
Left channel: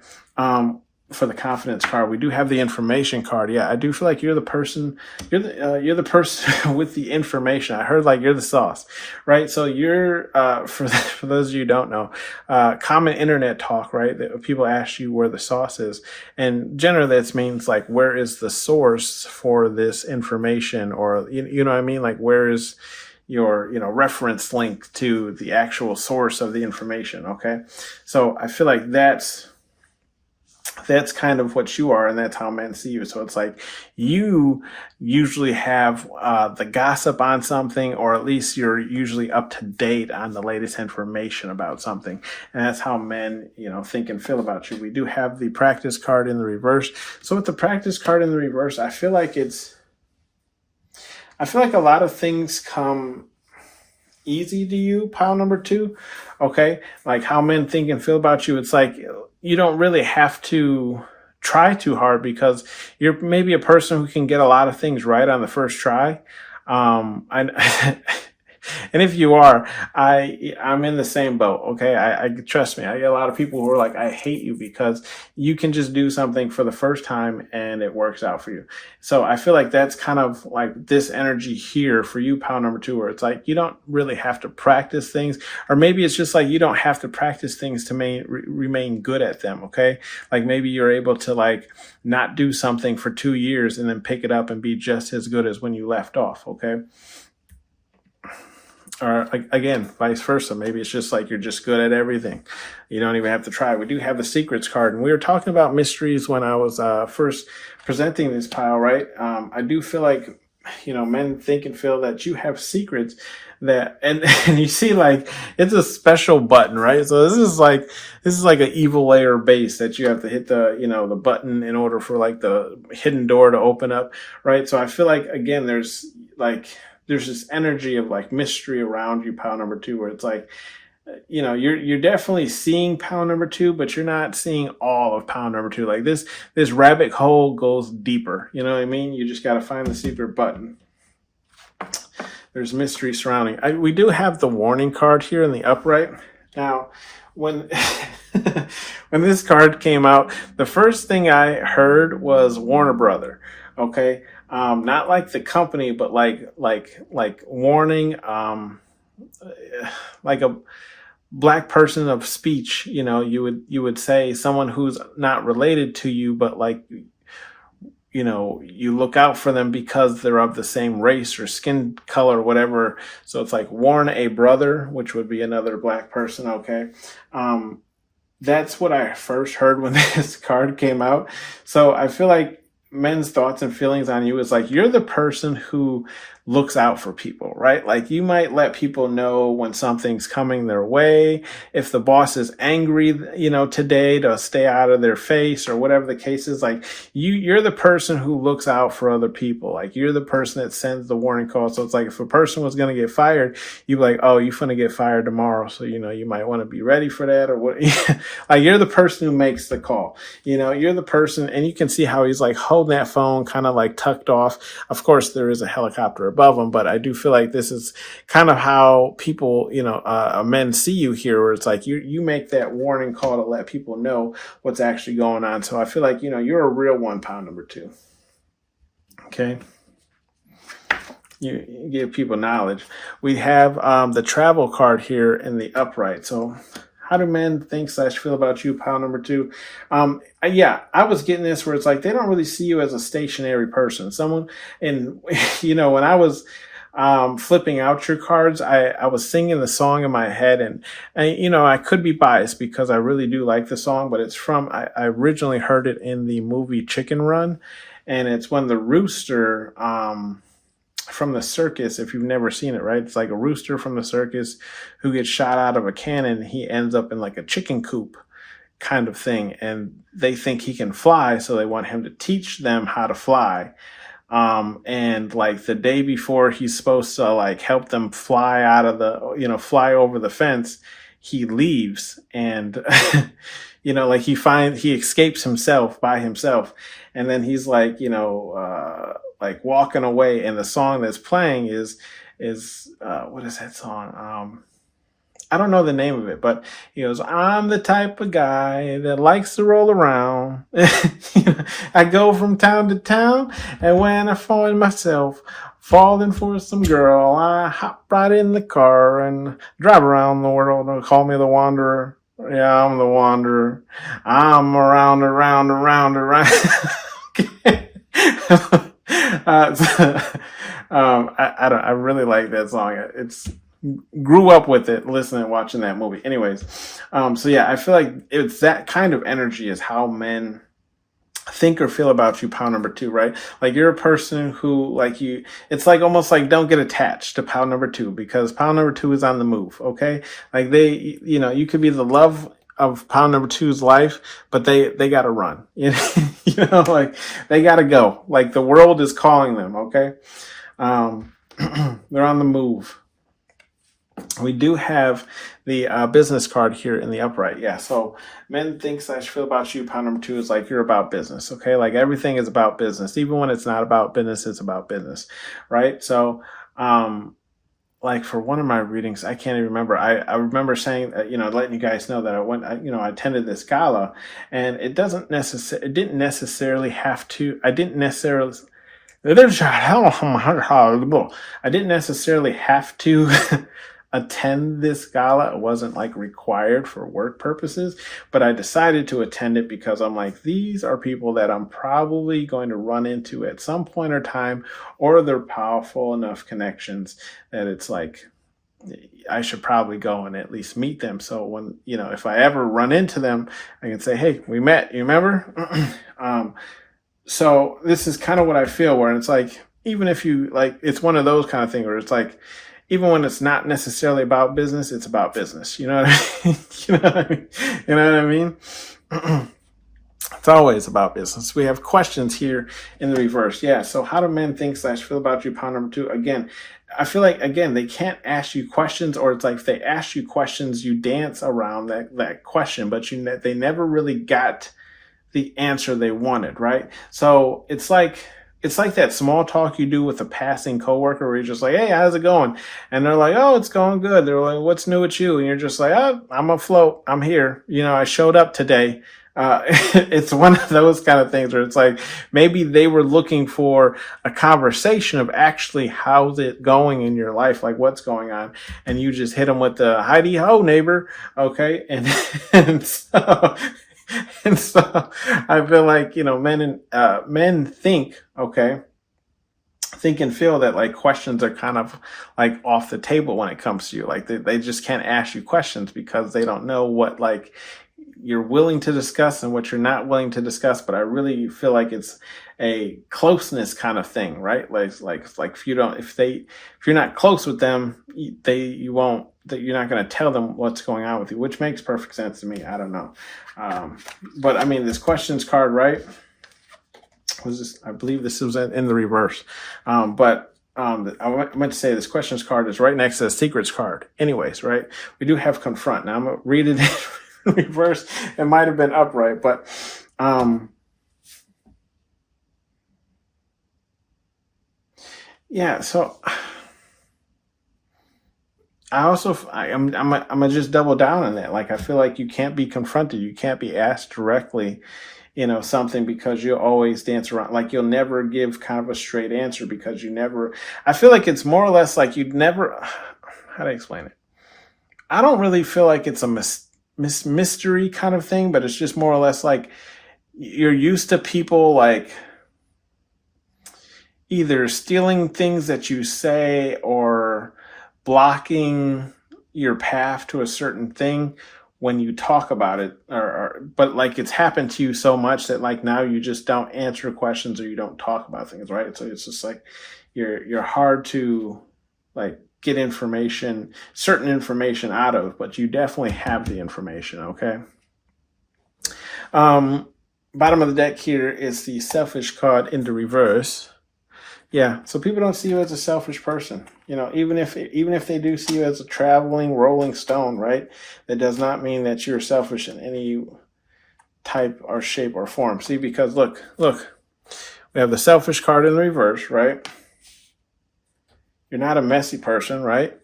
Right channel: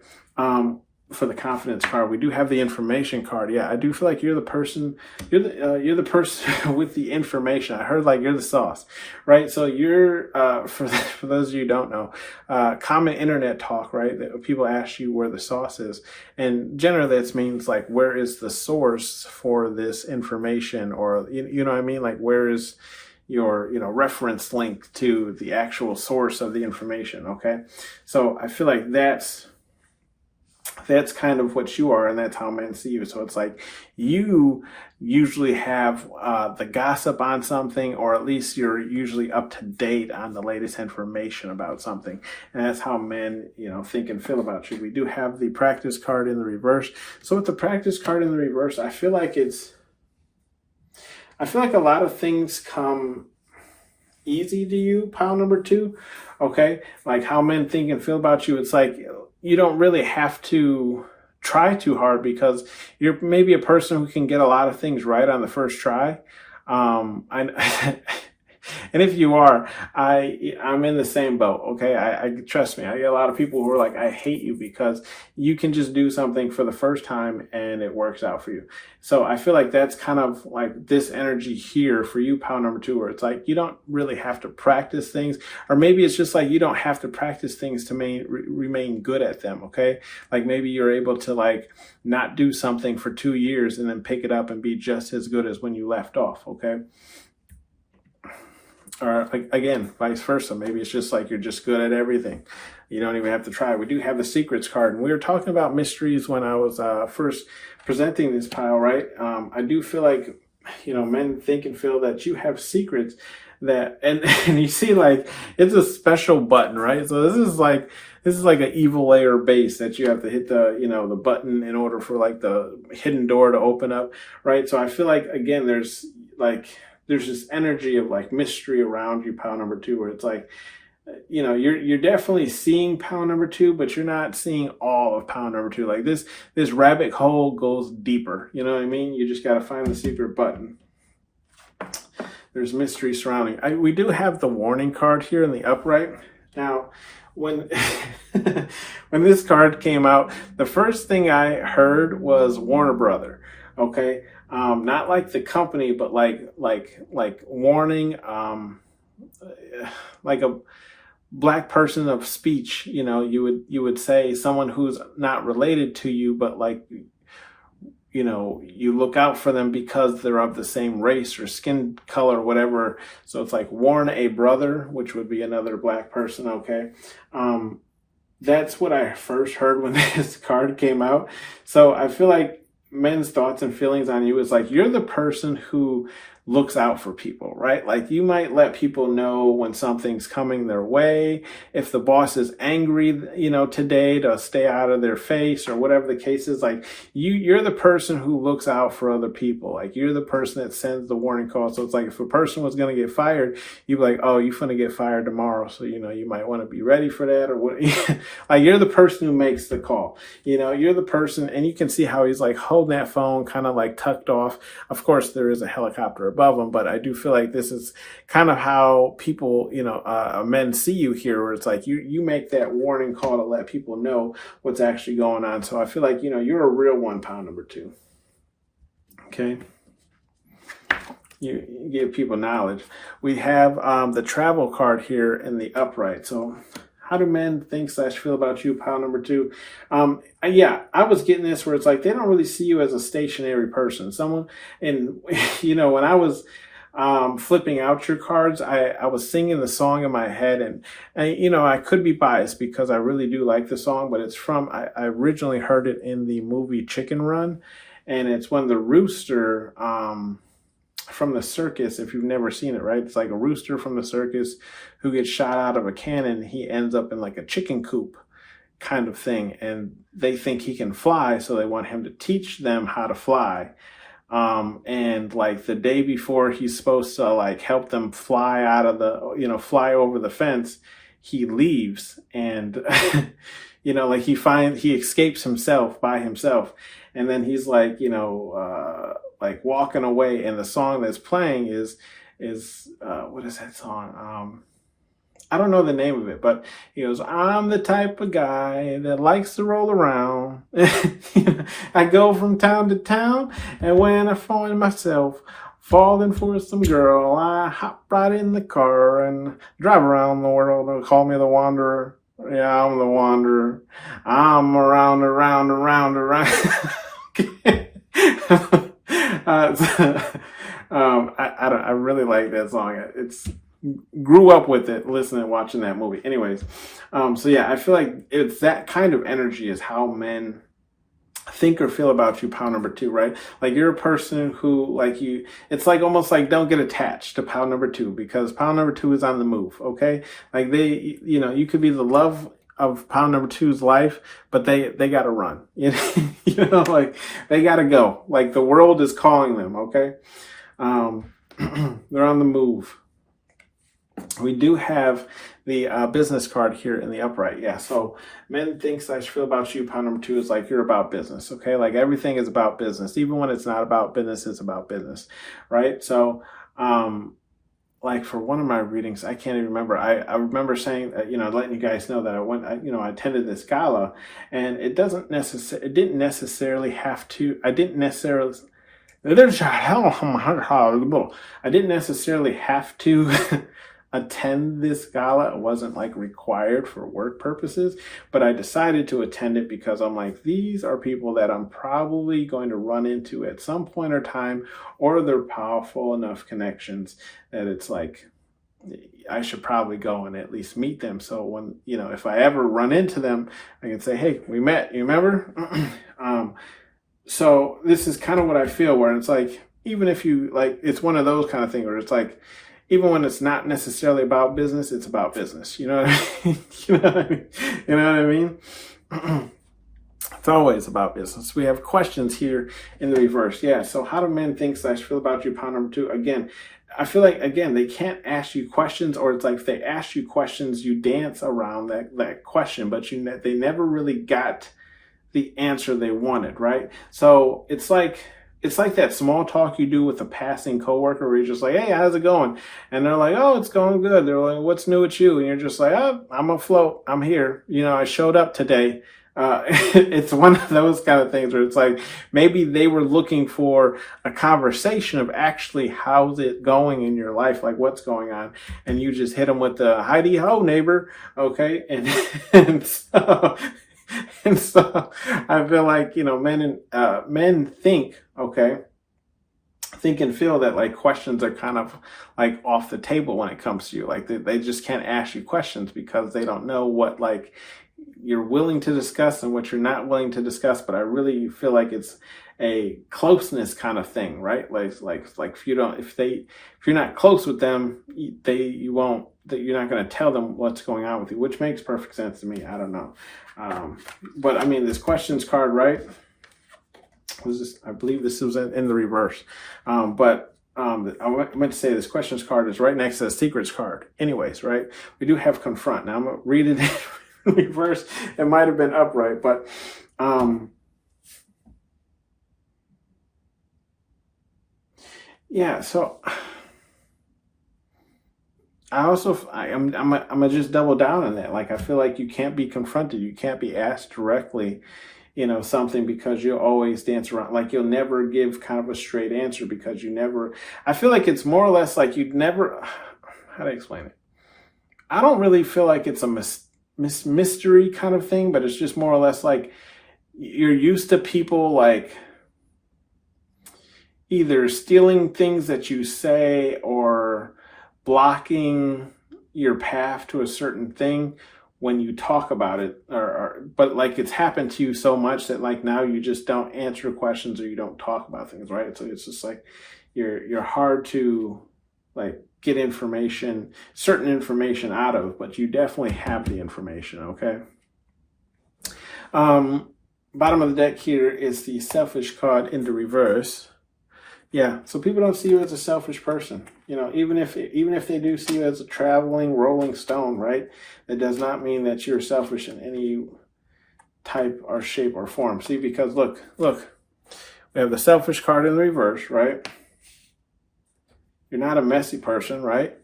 For the confidence card, we do have the information card. Yeah, I do feel like you're the person with the information. I heard like you're the sauce, right? So you're for those of you who don't know, common internet talk, right? That people ask you where the sauce is, and generally that means like, where is the source for this information, or you know what I mean? Like, where is your reference link to the actual source of the information? Okay, so I feel like that's kind of what you are, and that's how men see you. So it's like you usually have the gossip on something, or at least you're usually up to date on the latest information about something, and that's how men think and feel about you. We do have the practice card in the reverse. So with the practice card in the reverse, I feel like a lot of things come easy to you, pile number 2. Okay, like how men think and feel about you. It's like you don't really have to try too hard, because you're maybe a person who can get a lot of things right on the first try. And if you are, I'm in the same boat. Okay. I trust me. I get a lot of people who are like, I hate you, because you can just do something for the first time and it works out for you. So I feel like that's kind of like this energy here for you, pile number 2, where it's like, you don't really have to practice things, or maybe it's just like, you don't have to practice things to remain good at them. Okay. Like maybe you're able to like not do something for 2 years and then pick it up and be just as good as when you left off. Okay. Or again, vice versa. Maybe it's just like you're just good at everything. You don't even have to try. We do have the secrets card, and we were talking about mysteries when I was first presenting this pile, right? I do feel like, men think and feel that you have secrets that, and you see like it's a special button, right? So this is like an evil layer base that you have to hit the button in order for like the hidden door to open up, right? So I feel like, again, there's this energy of like mystery around you, pile number 2, where it's like, you're definitely seeing pile number 2, but you're not seeing all of pile number 2. Like this rabbit hole goes deeper. You know what I mean? You just got to find the secret button. There's mystery surrounding. We do have the warning card here in the upright. Now, when this card came out, the first thing I heard was Warner Brother. Okay. Not like the company, but like warning, like a black person of speech, you would say someone who's not related to you, but like, you look out for them because they're of the same race or skin color, whatever. So it's like warn a brother, which would be another black person. Okay. That's what I first heard when this card came out. So I feel like men's thoughts and feelings on you is like, you're the person who looks out for people, right? Like you might let people know when something's coming their way. If the boss is angry, today, to stay out of their face or whatever the case is, like you're the person who looks out for other people. Like you're the person that sends the warning call. So it's like if a person was going to get fired, you'd be like, oh, you're going to get fired tomorrow. So, you might want to be ready for that or what. Like you're the person who makes the call, you're the person, and you can see how he's like holding that phone kind of like tucked off. Of course, there is a helicopter above them, but I do feel like this is kind of how people, men see you here, where it's like you make that warning call to let people know what's actually going on. So I feel like, you're a real one, pound number 2. Okay. You give people knowledge. We have the travel card here in the upright. So how do men think / feel about you, pound number 2? I was getting this where it's like they don't really see you as a stationary person. Someone, and when I was flipping out your cards, I was singing the song in my head, and I could be biased because I really do like the song, but it's I originally heard it in the movie Chicken Run, and it's when the rooster from the circus, if you've never seen it, right? It's like a rooster from the circus who gets shot out of a cannon. He ends up in like a chicken coop kind of thing, and they think he can fly, so they want him to teach them how to fly. And like the day before he's supposed to like help them fly out of fly over the fence, he leaves, and like he escapes himself by himself, and then he's like like walking away, and the song that's playing is what is that song? I don't know the name of it, but he goes, I'm the type of guy that likes to roll around. I go from town to town, and when I find myself falling for some girl, I hop right in the car and drive around the world. They'll call me the Wanderer. Yeah, I'm the Wanderer. I'm around. Okay. I really like that song. It's grew up with it, listening, watching that movie. Anyways, so yeah, I feel like it's that kind of energy is how men think or feel about you, pound number 2, right? Like you're a person who, like it's like almost like don't get attached to pound number 2, because pound number 2 is on the move. Okay, like you could be the love of pound number 2's life, but they gotta run. Like they gotta go. Like the world is calling them. Okay, they're on the move. We do have the business card here in the upright. Yeah, so men think / feel about you, pound number 2, is like you're about business. Okay, like everything is about business. Even when it's not about business, it's about business, right? So like for one of my readings, I can't even remember. I remember saying, letting you guys know that I attended this gala, and I didn't necessarily have to attend this gala. It wasn't like required for work purposes, but I decided to attend it because I'm like, these are people that I'm probably going to run into at some point or time, or they're powerful enough connections that it's like I should probably go and at least meet them. So when, if I ever run into them, I can say, hey, we met, you remember? So this is kind of what I feel, where it's like, even if you like, it's one of those kind of things where it's like, even when it's not necessarily about business, it's about business. You know what I mean? You know what I mean? It's always about business. We have questions here in the reverse. Yeah. So how do men think / feel about you, pound number 2? Again, I feel like, they can't ask you questions, or it's like if they ask you questions, you dance around that question, but they never really got the answer they wanted, right? So it's like that small talk you do with a passing coworker where you're just like, hey, how's it going? And they're like, oh, it's going good. They're like, what's new with you? And you're just like, oh, I'm afloat. I'm here. I showed up today. It's one of those kind of things where it's like, maybe they were looking for a conversation of actually how's it going in your life? Like what's going on? And you just hit them with the Heidi ho neighbor. Okay. And so And so I feel like, men think, okay, think and feel that like questions are kind of like off the table when it comes to you. Like they just can't ask you questions because they don't know what like you're willing to discuss and what you're not willing to discuss. But I really feel like it's a closeness kind of thing, right? Like if you're not close with them, you're not going to tell them what's going on with you, which makes perfect sense to me. I don't know. But I mean, this questions card, right? I believe this was in the reverse. I meant to say this questions card is right next to the secrets card. Anyways, right? We do have confront. Now I'm going to read it in reverse. It might have been upright, but yeah, so I'm gonna just double down on that. Like I feel like you can't be confronted. You can't be asked directly, something, because you'll always dance around. Like you'll never give kind of a straight answer because I feel like it's more or less like you'd never, how do I explain it? I don't really feel like it's a mystery kind of thing, but it's just more or less like you're used to people like either stealing things that you say or blocking your path to a certain thing when you talk about it, but like it's happened to you so much that like now you just don't answer questions or you don't talk about things, right? So it's just like you're hard to like get certain information out of, but you definitely have the information, okay? Bottom of the deck here is the selfish card in the reverse. Yeah, so people don't see you as a selfish person. Even if they do see you as a traveling, rolling stone, right? That does not mean that you're selfish in any type or shape or form. See, because look, we have the selfish card in the reverse, right? You're not a messy person, right?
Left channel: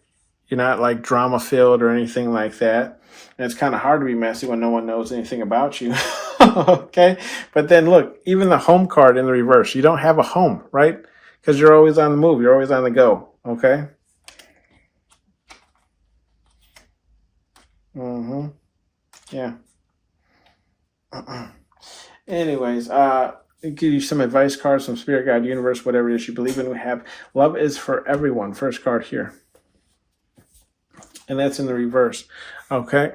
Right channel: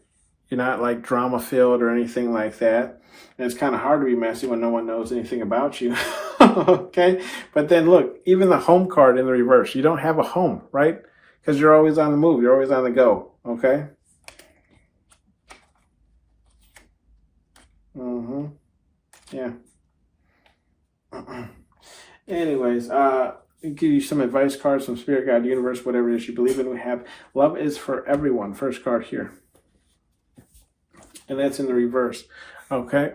You're not like drama filled or anything like that. And it's kind of hard to be messy when no one knows anything about you. Okay? But then look, even the home card in the reverse, you don't have a home, right? Because you're always on the move. You're always on the go. Okay? Yeah. Anyways, give you some advice cards from Spirit Guide, Universe, whatever it is you believe in. We have Love is for Everyone. First card here. And that's in the reverse. Okay?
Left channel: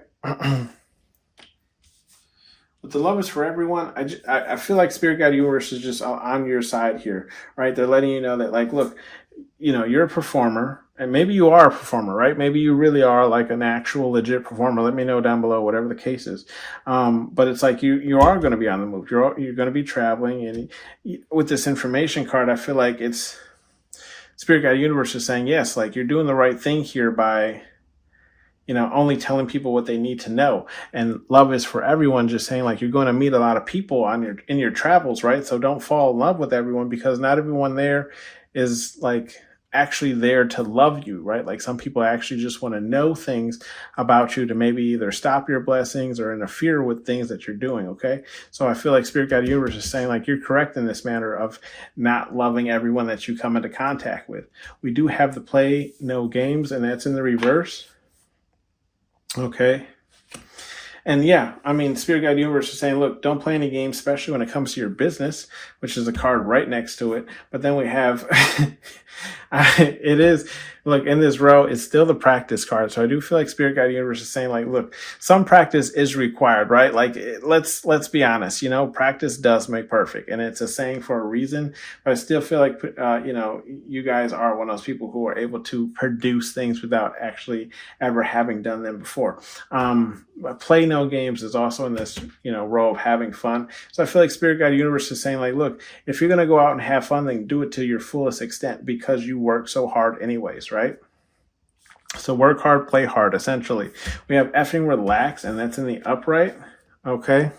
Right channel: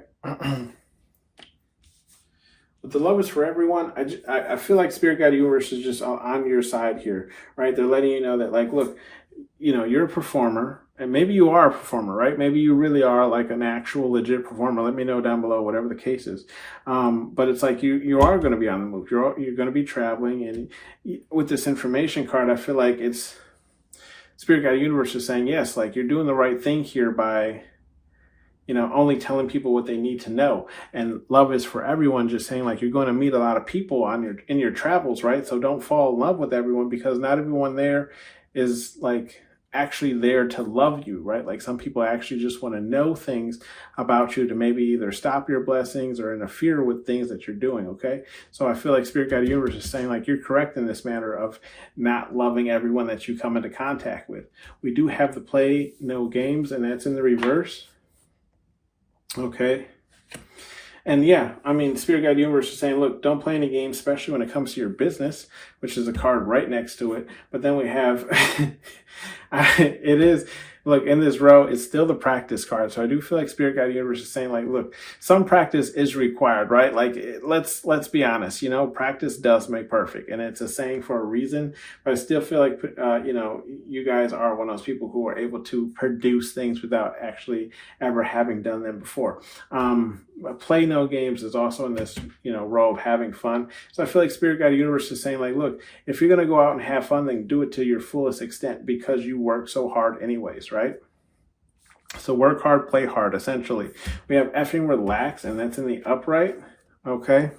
With the Love is for Everyone, I feel like Spirit Guide Universe is just on your side here, right? They're letting you know that, like, look, you're a performer, and maybe you are a performer, right? Maybe you really are like an actual legit performer. Let me know down below, whatever the case is. But it's like you are going to be on the move. You're going to be traveling, and with this information card, I feel like it's Spirit Guide Universe is saying, yes, like you're doing the right thing here by only telling people what they need to know. And Love is for Everyone, just saying like you're going to meet a lot of people in your travels, right? So don't fall in love with everyone, because not everyone there is like actually there to love you, right? Like some people actually just want to know things about you to maybe either stop your blessings or interfere with things that you're doing, okay? So I feel like Spirit Guide Universe is saying like you're correct in this matter of not loving everyone that you come into contact with. We do have the play no games, and that's in the reverse. Okay. And yeah, I mean, Spirit Guide Universe is saying, look, don't play any games, especially when it comes to your business, which is a card right next to it. But then we have, it is, look, in this row, it's still the practice card. So I do feel like Spirit Guide Universe is saying, like, look, some practice is required, right? Like, let's be honest, practice does make perfect. And it's a saying for a reason. But I still feel like, you guys are one of those people who are able to produce things without actually ever having done them before. Play no games is also in this, row of having fun. So I feel like Spirit Guide Universe is saying, like, look, if you're going to go out and have fun, then do it to your fullest extent, because you work so hard anyways, right? So work hard, play hard, essentially. We have effing relax, and that's in the upright, okay?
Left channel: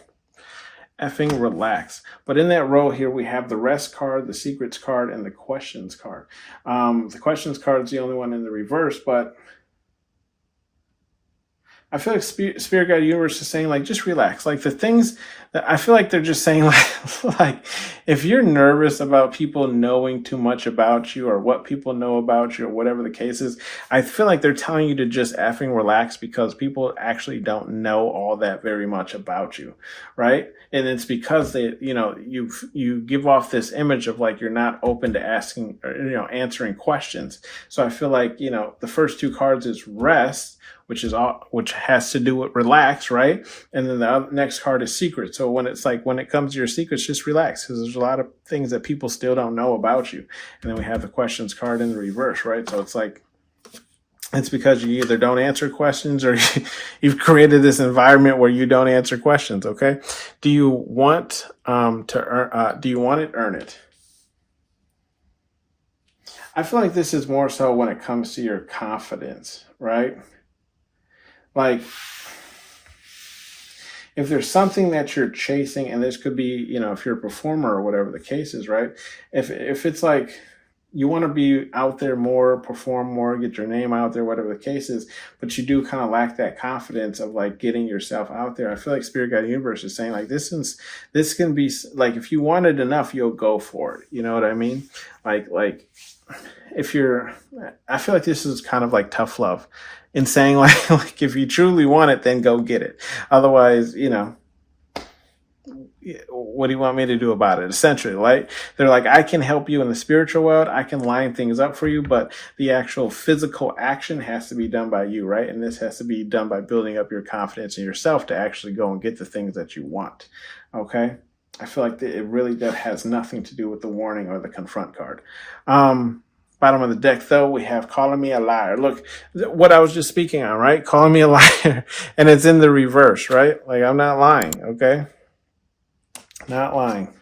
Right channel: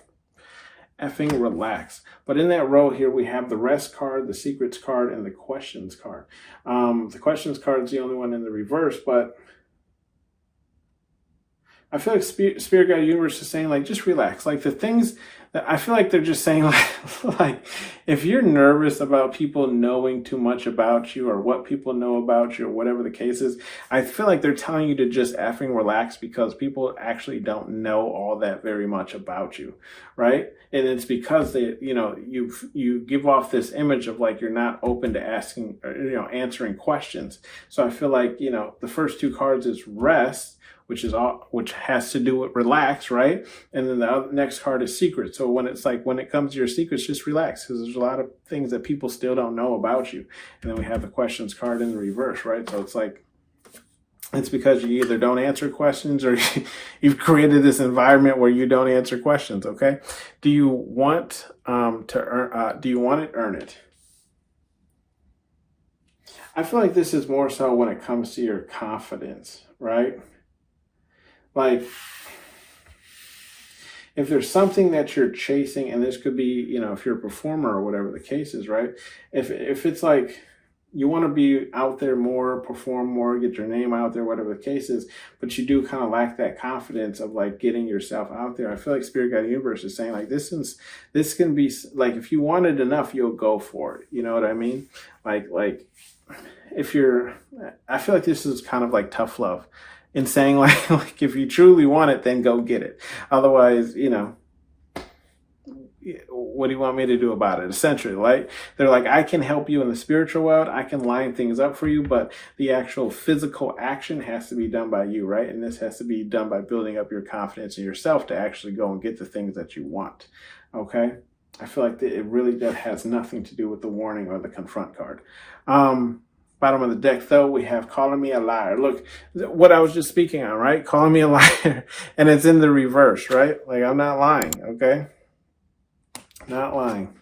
Effing relax. But in that row here, we have the rest card, the secrets card, and the questions card. The questions card is the only one in the reverse, but I feel like Spirit Guide Universe is saying, like, just relax. Like the things I feel like they're just saying like if you're nervous about people knowing too much about you or what people know about you or whatever the case is, I feel like they're telling you to just effing relax because people actually don't know all that very much about you, right? And it's because they, you give off this image of like you're not open to asking or, answering questions. So I feel like, the first two cards is rest, which has to do with relax, right? And then the next card is secret. So when it comes to your secrets, just relax because there's a lot of things that people still don't know about you. And then we have the questions card in the reverse, right? So it's like, it's because you either don't answer questions or you've created this environment where you don't answer questions. Okay. Do you want to earn, do you want it, earn it? I feel like this is more so when it comes to your confidence, right? Like, if there's something that you're chasing, and this could be, if you're a performer or whatever the case is, right? If it's like you want to be out there more, perform more, get your name out there, whatever the case is, but you do kind of lack that confidence of like getting yourself out there. I feel like Spirit Guide Universe is saying like this can be like if you want it enough, you'll go for it. You know what I mean? Like I feel like this is kind of like tough love. In saying like if you truly want it, then go get it. Otherwise, what do you want me to do about it? Essentially, right? They're like, I can help you in the spiritual world. I can line things up for you, but the actual physical action has to be done by you, right? And this has to be done by building up your confidence in yourself to actually go and get the things that you want. Okay? I feel like that has nothing to do with the warning or the confront card. Bottom of the deck, though, we have calling me a liar. Look, what I was just speaking on, right? Calling me a liar. And it's in the reverse, right? Like, I'm not lying, okay? Not lying.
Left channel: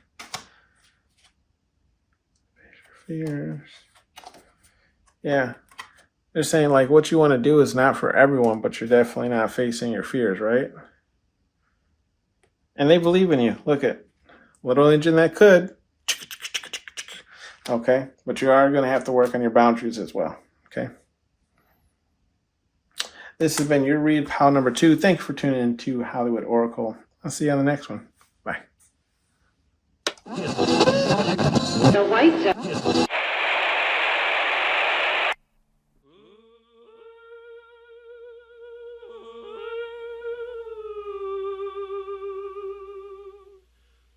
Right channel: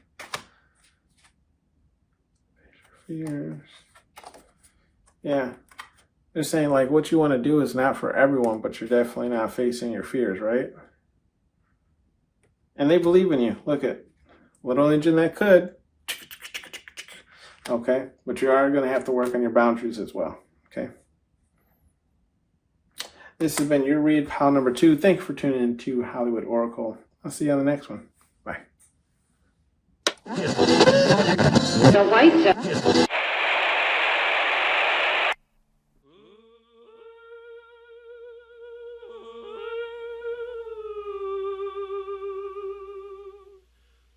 Fears. Yeah. They're saying, like, what you want to do is not for everyone, but you're definitely not facing your fears, right? And they believe in you. Look at little engine that could. Okay, but you are going to have to work on your boundaries as well. Okay. This has been your read, pile number 2. Thank you for tuning in to Hollywood Oracle. I'll see you on the next one. Bye. The white.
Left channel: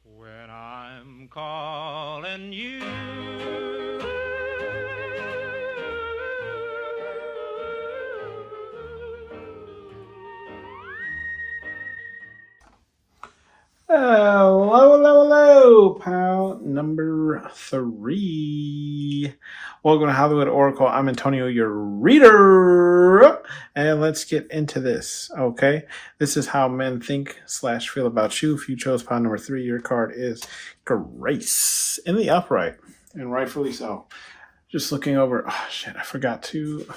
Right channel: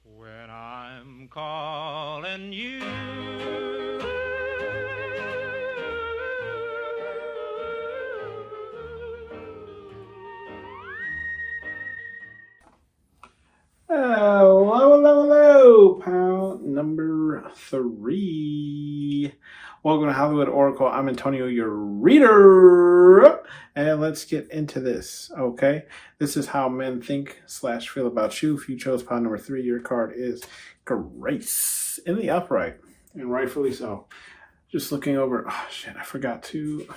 When I'm calling you, Hello, pal number 3. Welcome to Hollywood Oracle. I'm Antonio, your reader. And let's get into this, okay? This is how men think / feel about you. If you chose pile number 3, your card is Grace in the upright, and rightfully so. Just looking over, oh shit, I forgot to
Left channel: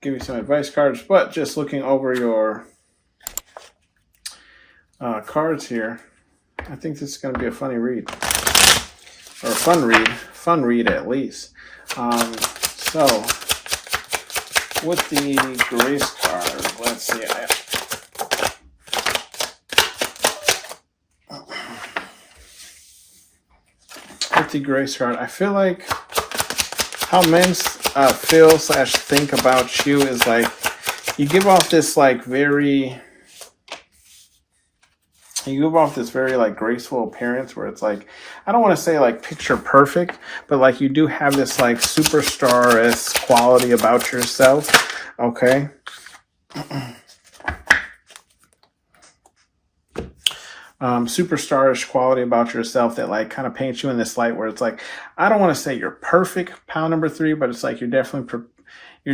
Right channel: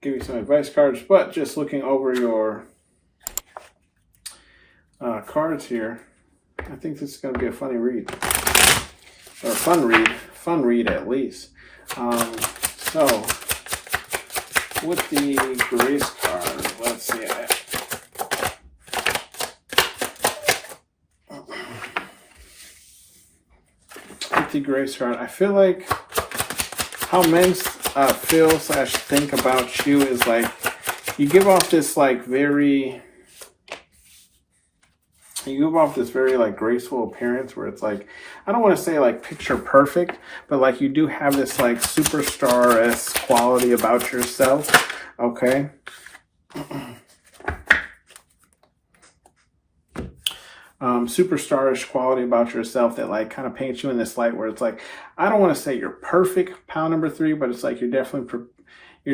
give you some advice cards, but just looking over your cards here, I think this is going to be a funny read, or a fun read at least. So with the Grace card, let's see. With the Grace card, I feel like how men feel / think about you is like you give off this very like graceful appearance where it's like, I don't want to say like picture perfect, but like you do have this like superstar-esque quality about yourself, okay? Superstarish quality about yourself that like kind of paints you in this light where it's like, I don't want to say you're perfect, pile number 3, but it's like you're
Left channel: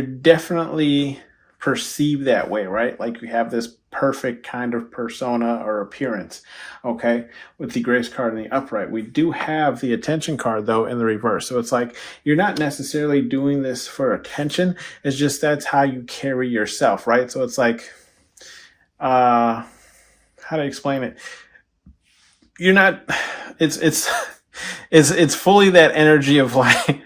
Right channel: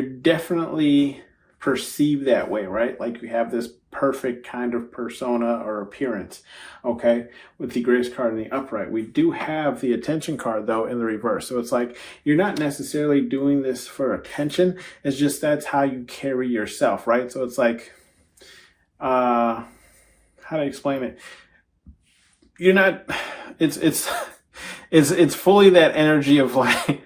definitely perceived that way, right? Like you have this perfect kind of persona or appearance, okay? With the Grace card in the upright. We do have the attention card, though, in the reverse. So it's like you're not necessarily doing this for attention. It's just that's how you carry yourself, right? So it's like, how do I explain it? You're not, it's fully that energy of like,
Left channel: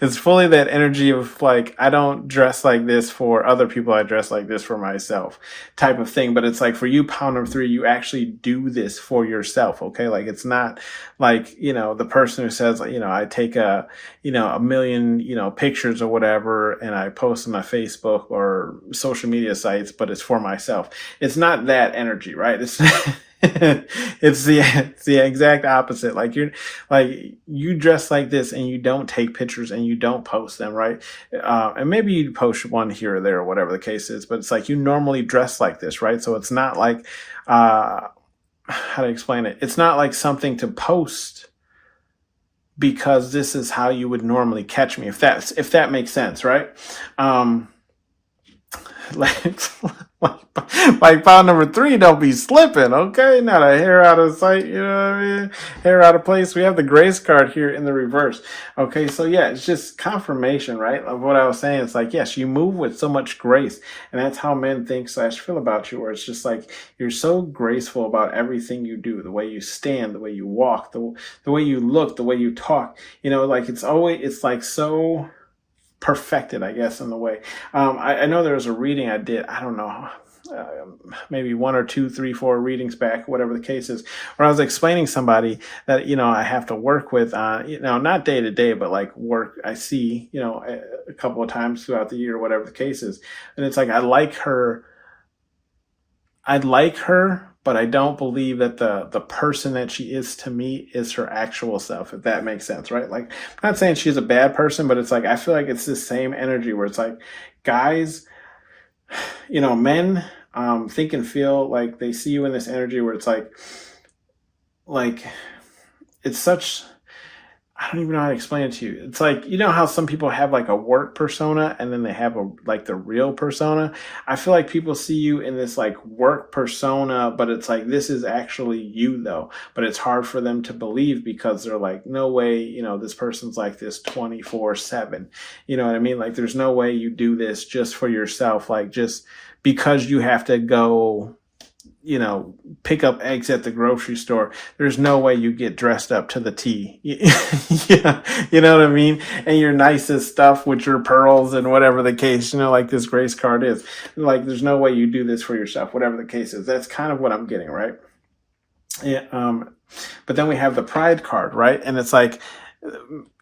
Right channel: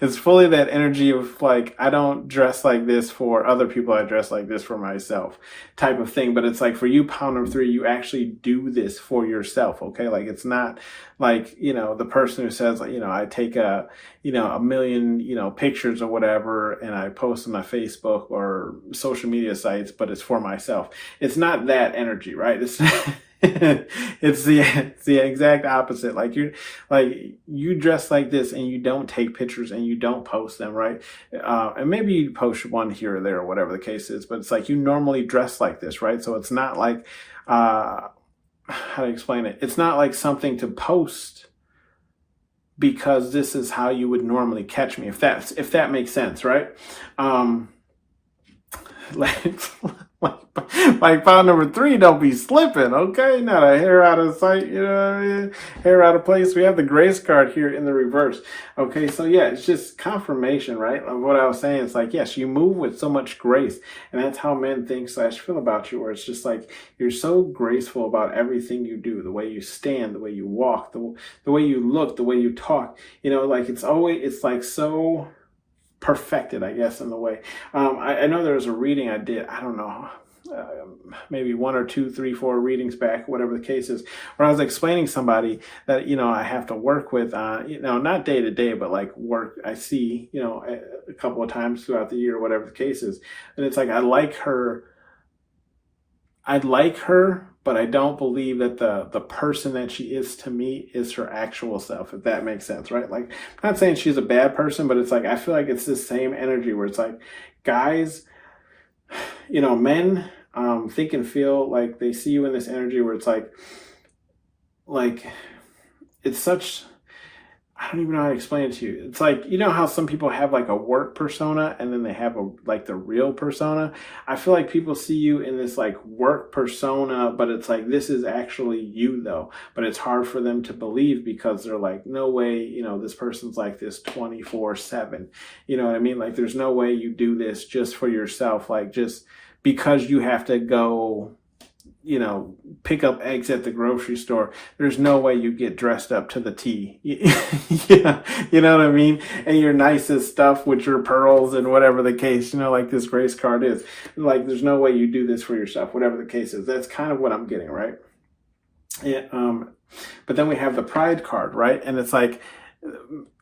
It's fully that energy of like, I don't dress like this for other people, I dress like this for myself type of thing. But it's like for you, pound number three, you actually do this for yourself. Okay. Like it's not like, the person who says, I take a million, pictures or whatever, and I post on my Facebook or social media sites, but it's for myself. It's not that energy, right? It's it's the exact opposite. Like you dress like this and you don't take pictures and you don't post them, right? And maybe you post one here or there or whatever the case is, but it's like you normally dress like this, right? So it's not like how to explain it? It's not like something to post because this is how you would normally catch me, if that makes sense, right? Like, like pound number three, don't be slipping, okay? Not a hair out of sight, you know what I mean? Hair out of place. We have the grace card here in the reverse. Okay, so yeah, it's just confirmation, right? Of what I was saying. It's like, yes, you move with so much grace, and that's how men think / feel about you, where it's just like you're so graceful about everything you do, the way you stand, the way you walk, the way you look, the way you talk. Like it's like so perfected, I guess, in the way. I know there was a reading I did, I don't know, maybe 1 or 2, 3, 4 readings back, whatever the case is, where I was explaining somebody that, I have to work with on, not day to day, but like work I see, a couple of times throughout the year, whatever the case is. And it's like, I like her, but I don't believe that the person that she is to me is her actual self, if that makes sense, right? Like, I'm not saying she's a bad person, but it's like, I feel like it's the same energy where it's like, guys, men think and feel like they see you in this energy where it's like it's such, I don't even know how to explain it to you. It's like, how some people have like a work persona and then they have the real persona. I feel like people see you in this like work persona, but it's like, this is actually you though. But it's hard for them to believe because they're like, no way, this person's like this 24/7. You know what I mean? Like, there's no way you do this just for yourself. Like, just because you have to go, pick up eggs at the grocery store, there's no way you get dressed up to the T. You know what I mean? And your nicest stuff with your pearls and whatever the case, like this grace card is. Like, there's no way you do this for yourself, whatever the case is. That's kind of what I'm getting, right? Yeah, but then we have the pride card, right? And it's like,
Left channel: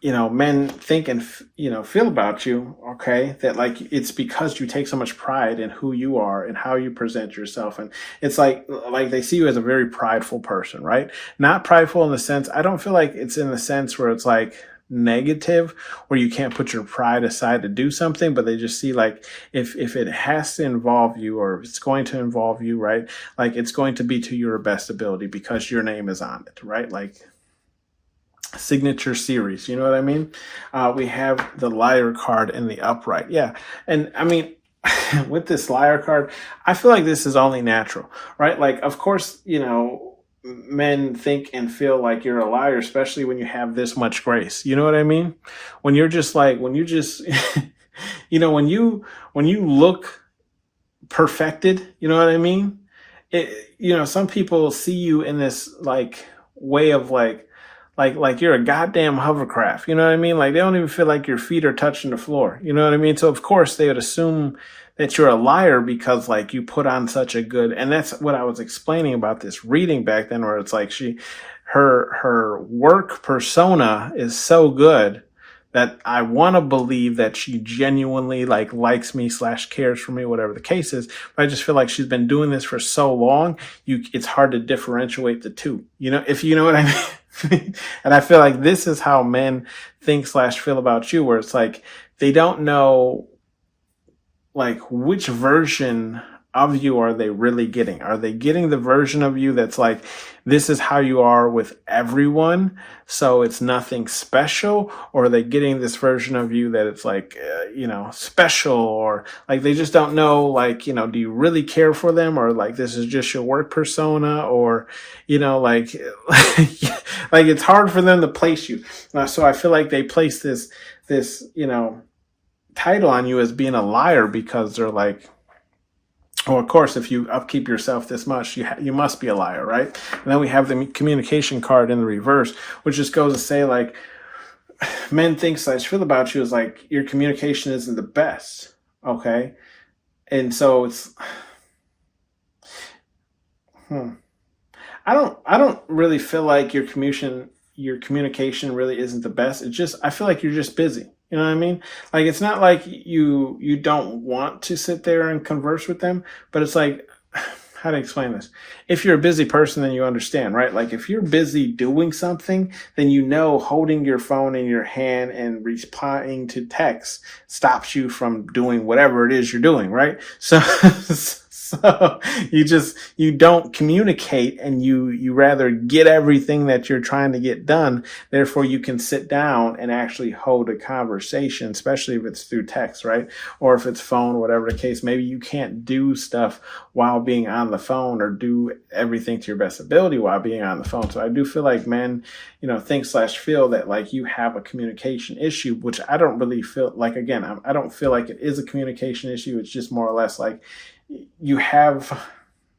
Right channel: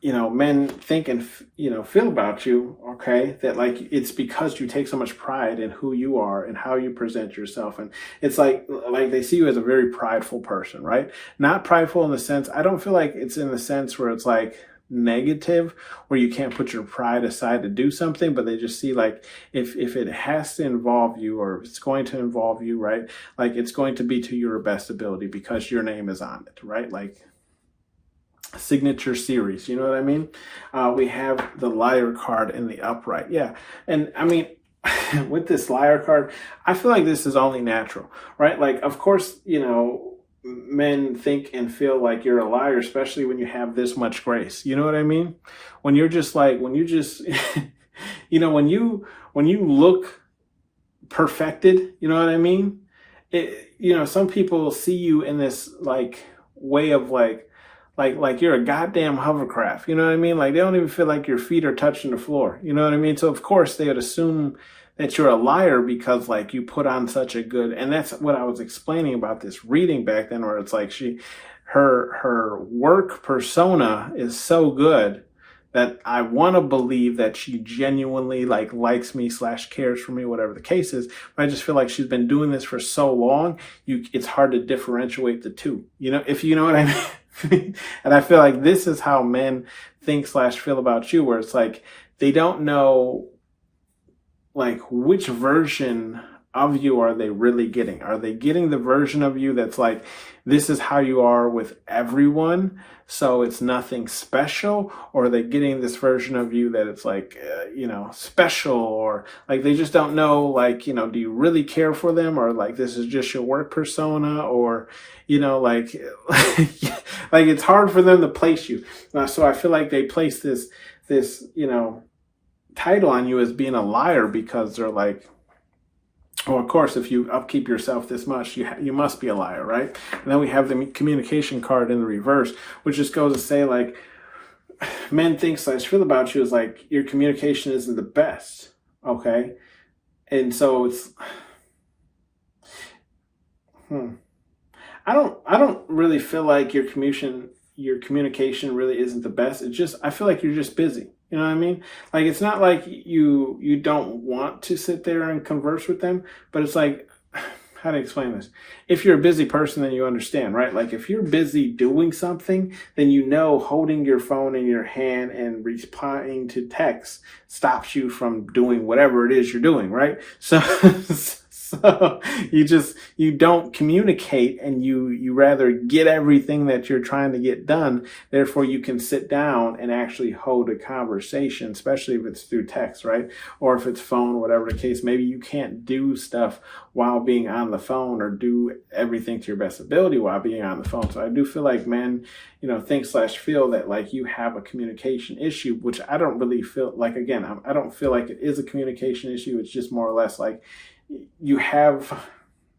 men think and, feel about you, okay, that like, it's because you take so much pride in who you are and how you present yourself. And it's like they see you as a very prideful person, right? Not prideful in the sense, I don't feel like it's in the sense where it's like negative, where you can't put your pride aside to do something, but they just see like, if it has to involve you, or if it's going to involve you, right? Like, it's going to be to your best ability because your name is on it, right? Like, signature series, you know what I mean? We have the liar card in the upright. Yeah. And I mean, with this liar card, I feel like this is only natural, right? Like, of course, men think and feel like you're a liar, especially when you have this much grace. You know what I mean? When you're just like, when you just, when you look perfected, you know what I mean? Some people see you in this like way of like you're a goddamn hovercraft, you know what I mean? Like, they don't even feel like your feet are touching the floor, you know what I mean? So of course they would assume that you're a liar because like you put on such a good, and that's what I was explaining about this reading back then, where it's like her work persona is so good that I want to believe that she genuinely like likes me / cares for me, whatever the case is. But I just feel like she's been doing this for so long, it's hard to differentiate the two, if you know what I mean. And I feel like this is how men think / feel about you, where it's like, they don't know like which version of you are they really getting? Are they getting the version of you that's like, this is how you are with everyone, so it's nothing special? Or are they getting this version of you that it's like, special, or like they just don't know, like, do you really care for them? Or like, this is just your work persona? Or, like, like it's hard for them to place you. So I feel like they place this, title on you as being a liar because they're like, well, of course, if you upkeep yourself this much, you must be a liar, right? And then we have the communication card in the reverse, which just goes to say like, men think slash feel about you is like your communication isn't the best. Okay. And so it's, I don't really feel like your communication really isn't the best. It's just, I feel like you're just busy. You know what I mean? Like, it's not like you don't want to sit there and converse with them, but it's like, how to explain this? If you're a busy person, then you understand, right? Like, if you're busy doing something, then you know holding your phone in your hand and replying to text stops you from doing whatever it is you're doing, right? So, so you don't communicate, and you rather get everything that you're trying to get done. Therefore, you can sit down and actually hold a conversation, especially if it's through text, right? Or if it's phone, whatever the case. Maybe you can't do stuff while being on the phone, or do everything to your best ability while being on the phone. So I do feel like men, think slash feel that like you have a communication issue, which I don't really feel like. Again, I don't feel like it is a communication issue. It's just more or less like you have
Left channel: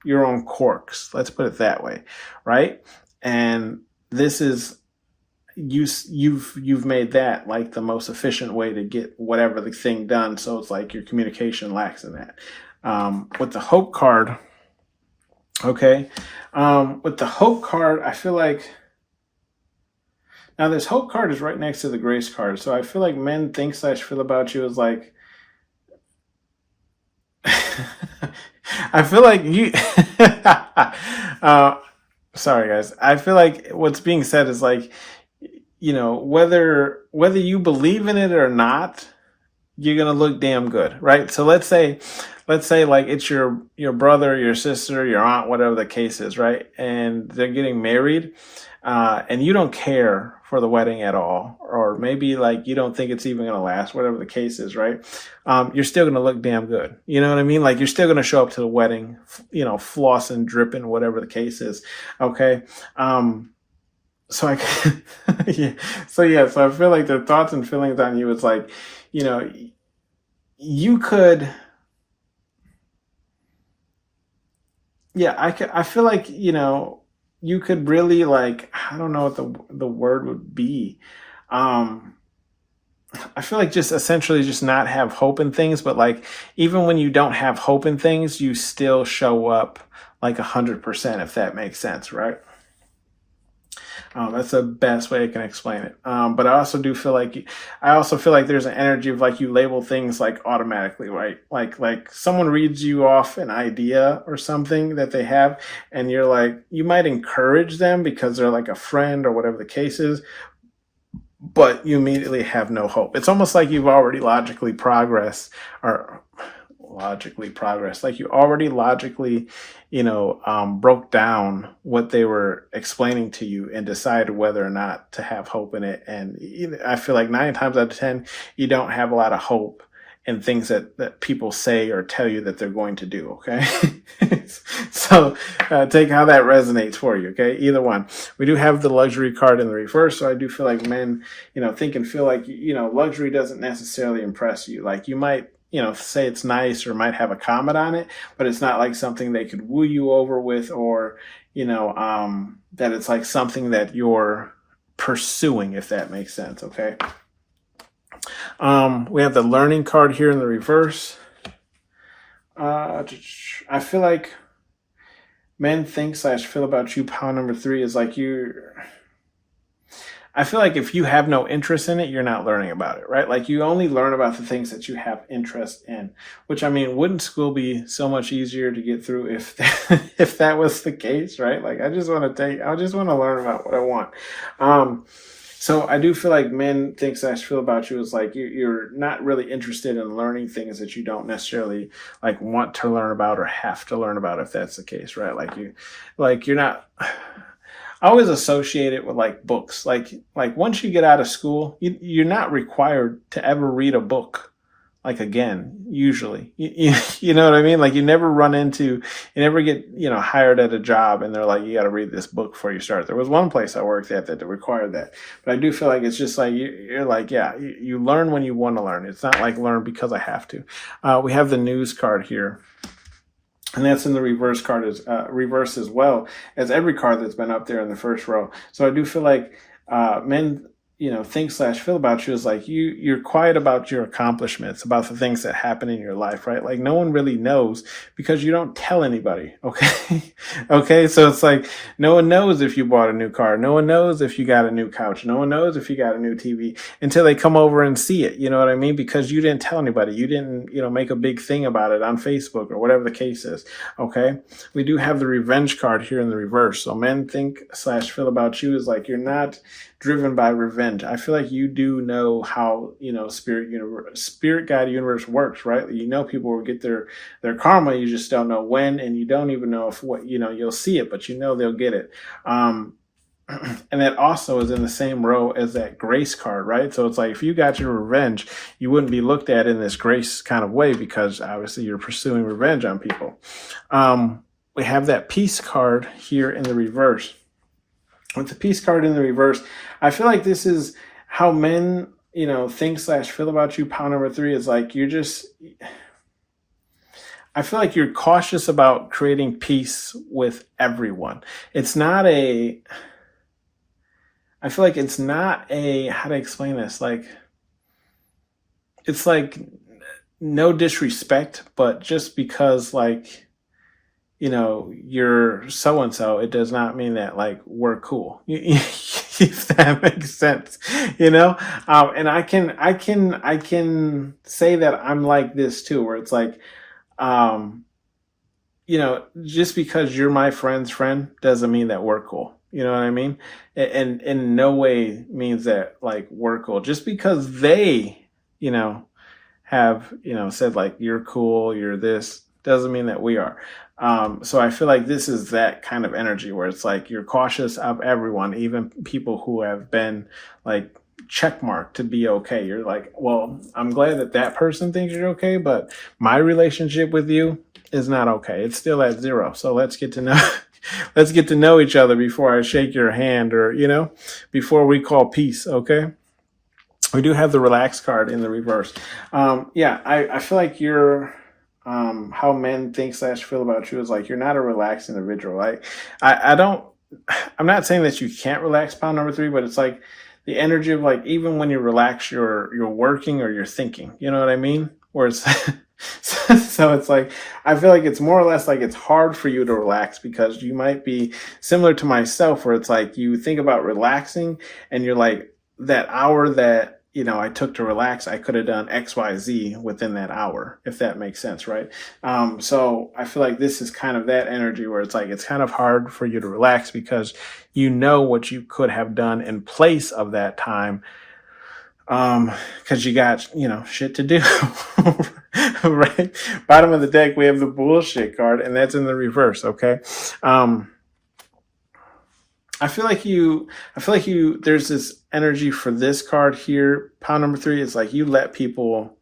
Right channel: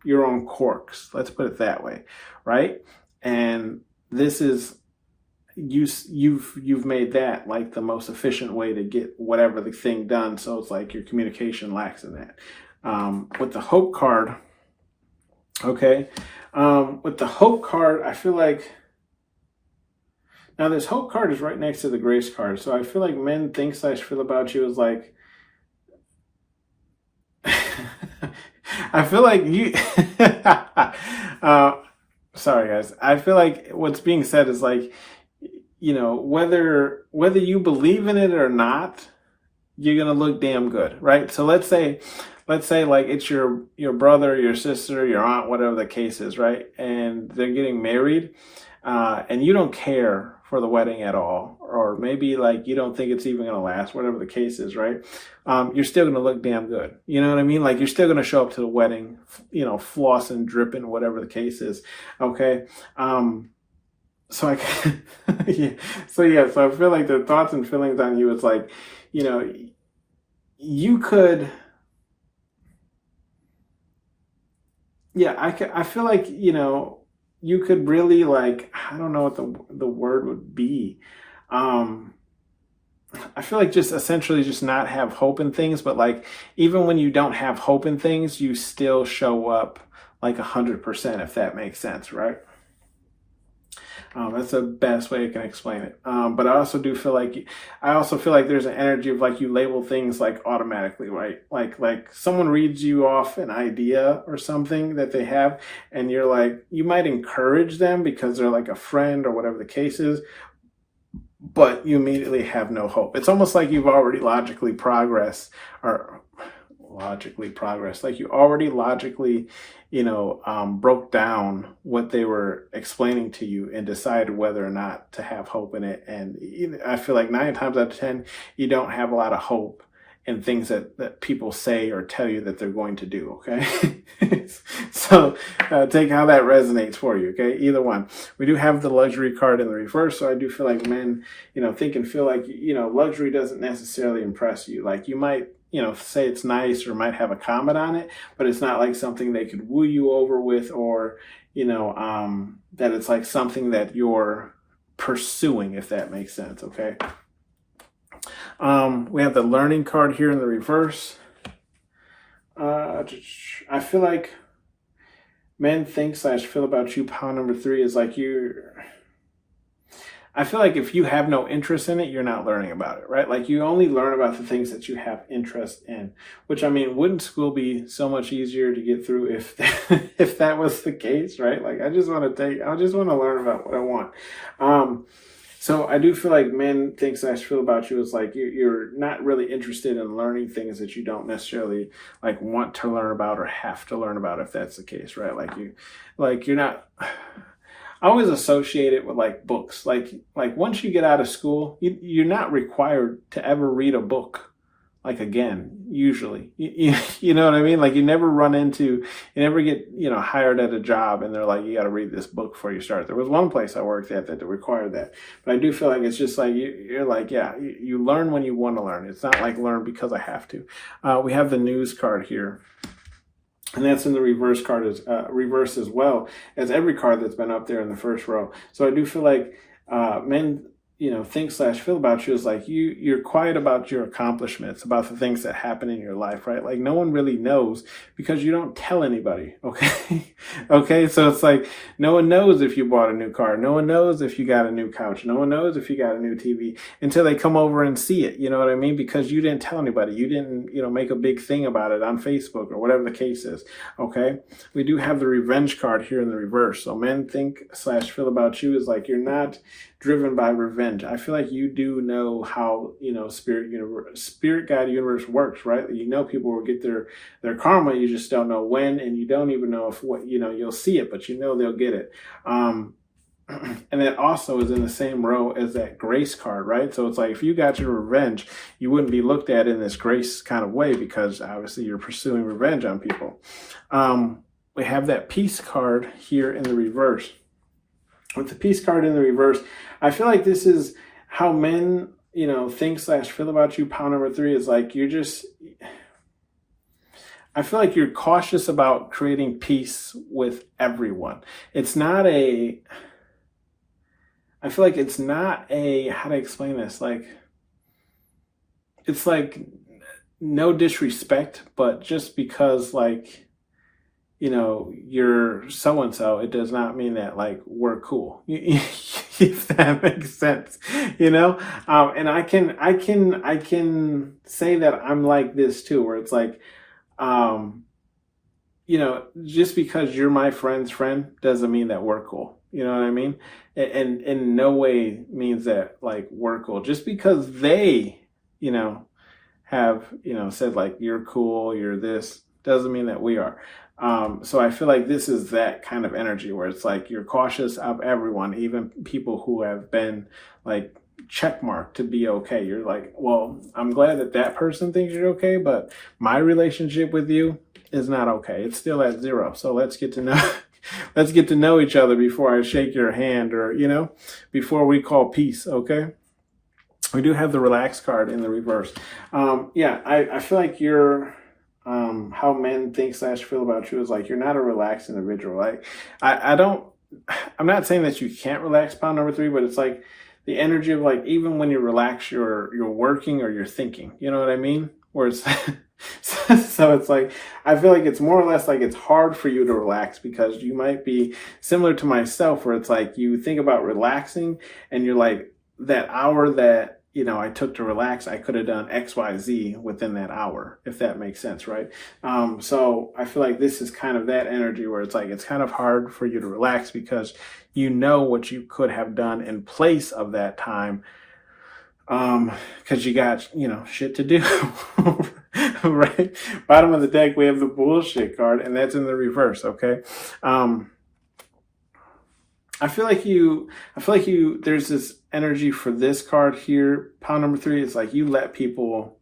your own quirks. Let's put it that way, right? And this is you've made that like the most efficient way to get whatever the thing done. So it's like your communication lacks in that. With the hope card, okay. With the hope card, I feel like now this hope card is right next to the grace card. So I feel like men think slash feel about you is like, I feel like you, sorry guys. I feel like what's being said is like, whether you believe in it or not, you're going to look damn good, right? So let's say like it's your brother, your sister, your aunt, whatever the case is, right? And they're getting married, and you don't care for the wedding at all, or maybe like you don't think it's even going to last, whatever the case is, right? You're still going to look damn good. You know what I mean? Like, you're still going to show up to the wedding, flossing, dripping, whatever the case is. Okay. So I, yeah. So I feel like the thoughts and feelings on you is like, you could, I feel like, you could really, like, I don't know what the word would be. I feel like just essentially just not have hope in things, but like, even when you don't have hope in things, you still show up like 100%, if that makes sense, right? That's the best way I can explain it. But I also feel like there's an energy of like you label things like automatically, right? Like someone reads you off an idea or something that they have, and you're like, you might encourage them because they're like a friend or whatever the case is, but you immediately have no hope. It's almost like you've already logically progressed, like you already logically broke down what they were explaining to you and decided whether or not to have hope in it. And I feel like 9 times out of 10 you don't have a lot of hope in things that people say or tell you that they're going to do. Okay. So take how that resonates for you. Okay. Either one. We do have the luxury card in the reverse. So I do feel like men, think and feel like, luxury doesn't necessarily impress you. Like, you might, say it's nice or might have a comment on it, but it's not like something they could woo you over with, or, that it's like something that you're pursuing, if that makes sense. Okay. We have the learning card here in the reverse. I feel like men think slash feel about you, pile number 3 is like I feel like if you have no interest in it, you're not learning about it, right? Like, you only learn about the things that you have interest in, which, I mean, wouldn't school be so much easier to get through if that was the case, right? Like, I just want to learn about what I want. So I do feel like men think slash feel about you is like you're not really interested in learning things that you don't necessarily like want to learn about or have to learn about, if that's the case, right? Like you're not. I always associate it with like books. Like once you get out of school, you're not required to ever read a book like again, usually. You know what I mean? Like, you never get, hired at a job and they're like, you got to read this book before you start. There was one place I worked at that required that. But I do feel like it's just like, you're like, yeah, you learn when you want to learn. It's not like learn because I have to. We have the news card here. And that's in the reverse as well as every card that's been up there in the first row. So I do feel like men think slash feel about you is like you're quiet about your accomplishments, about the things that happen in your life, right? Like no one really knows because you don't tell anybody. Okay. Okay. So it's like no one knows if you bought a new car. No one knows if you got a new couch. No one knows if you got a new TV until they come over and see it. You know what I mean? Because you didn't tell anybody. You didn't, make a big thing about it on Facebook or whatever the case is. Okay. We do have the revenge card here in the reverse. So men think slash feel about you is like you're not driven by revenge. I feel like you do know how, spirit guide universe works, right? You know people will get their karma, you just don't know when, and you don't even know if you'll see it, but they'll get it. And that also is in the same row as that grace card, right? So it's like if you got your revenge, you wouldn't be looked at in this grace kind of way because obviously you're pursuing revenge on people. We have that peace card here in the reverse. With the peace card in the reverse, I feel like this is how men, think slash feel about you. Pound number 3 is like I feel like you're cautious about creating peace with everyone. I feel like it's not how to explain this? Like, it's like no disrespect, but just because you're so-and-so, it does not mean that we're cool. If that makes sense, and I can say that I'm like this too, where it's like, just because you're my friend's friend doesn't mean that we're cool. You know what I mean? And in no way means that we're cool. Just because they, have, said you're cool, you're this, doesn't mean that we are. So I feel like this is that kind of energy where it's like you're cautious of everyone, even people who have been checkmarked to be okay. You're like, well, I'm glad that person thinks you're okay, but my relationship with you is not okay. It's still at 0. So let's get to know each other before I shake your hand or, before we call peace. Okay. We do have the relax card in the reverse. I feel like you're, how men think slash feel about you is like you're not a relaxed individual. I'm not saying that you can't relax, pound number 3, but it's like the energy of even when you relax, you're working or you're thinking. You know what I mean? Where it's so it's like I feel like it's more or less like it's hard for you to relax because you might be similar to myself, where it's like you think about relaxing and you're like that hour that I took to relax, I could have done X, Y, Z within that hour, if that makes sense, right? So I feel like this is kind of that energy where it's like it's kind of hard for you to relax because you know what you could have done in place of that time, because you got shit to do. Right? Bottom of the deck, we have the bullshit card, and that's in the reverse. Okay. I feel like there's this energy for this card here. Pound number 3 is like you let people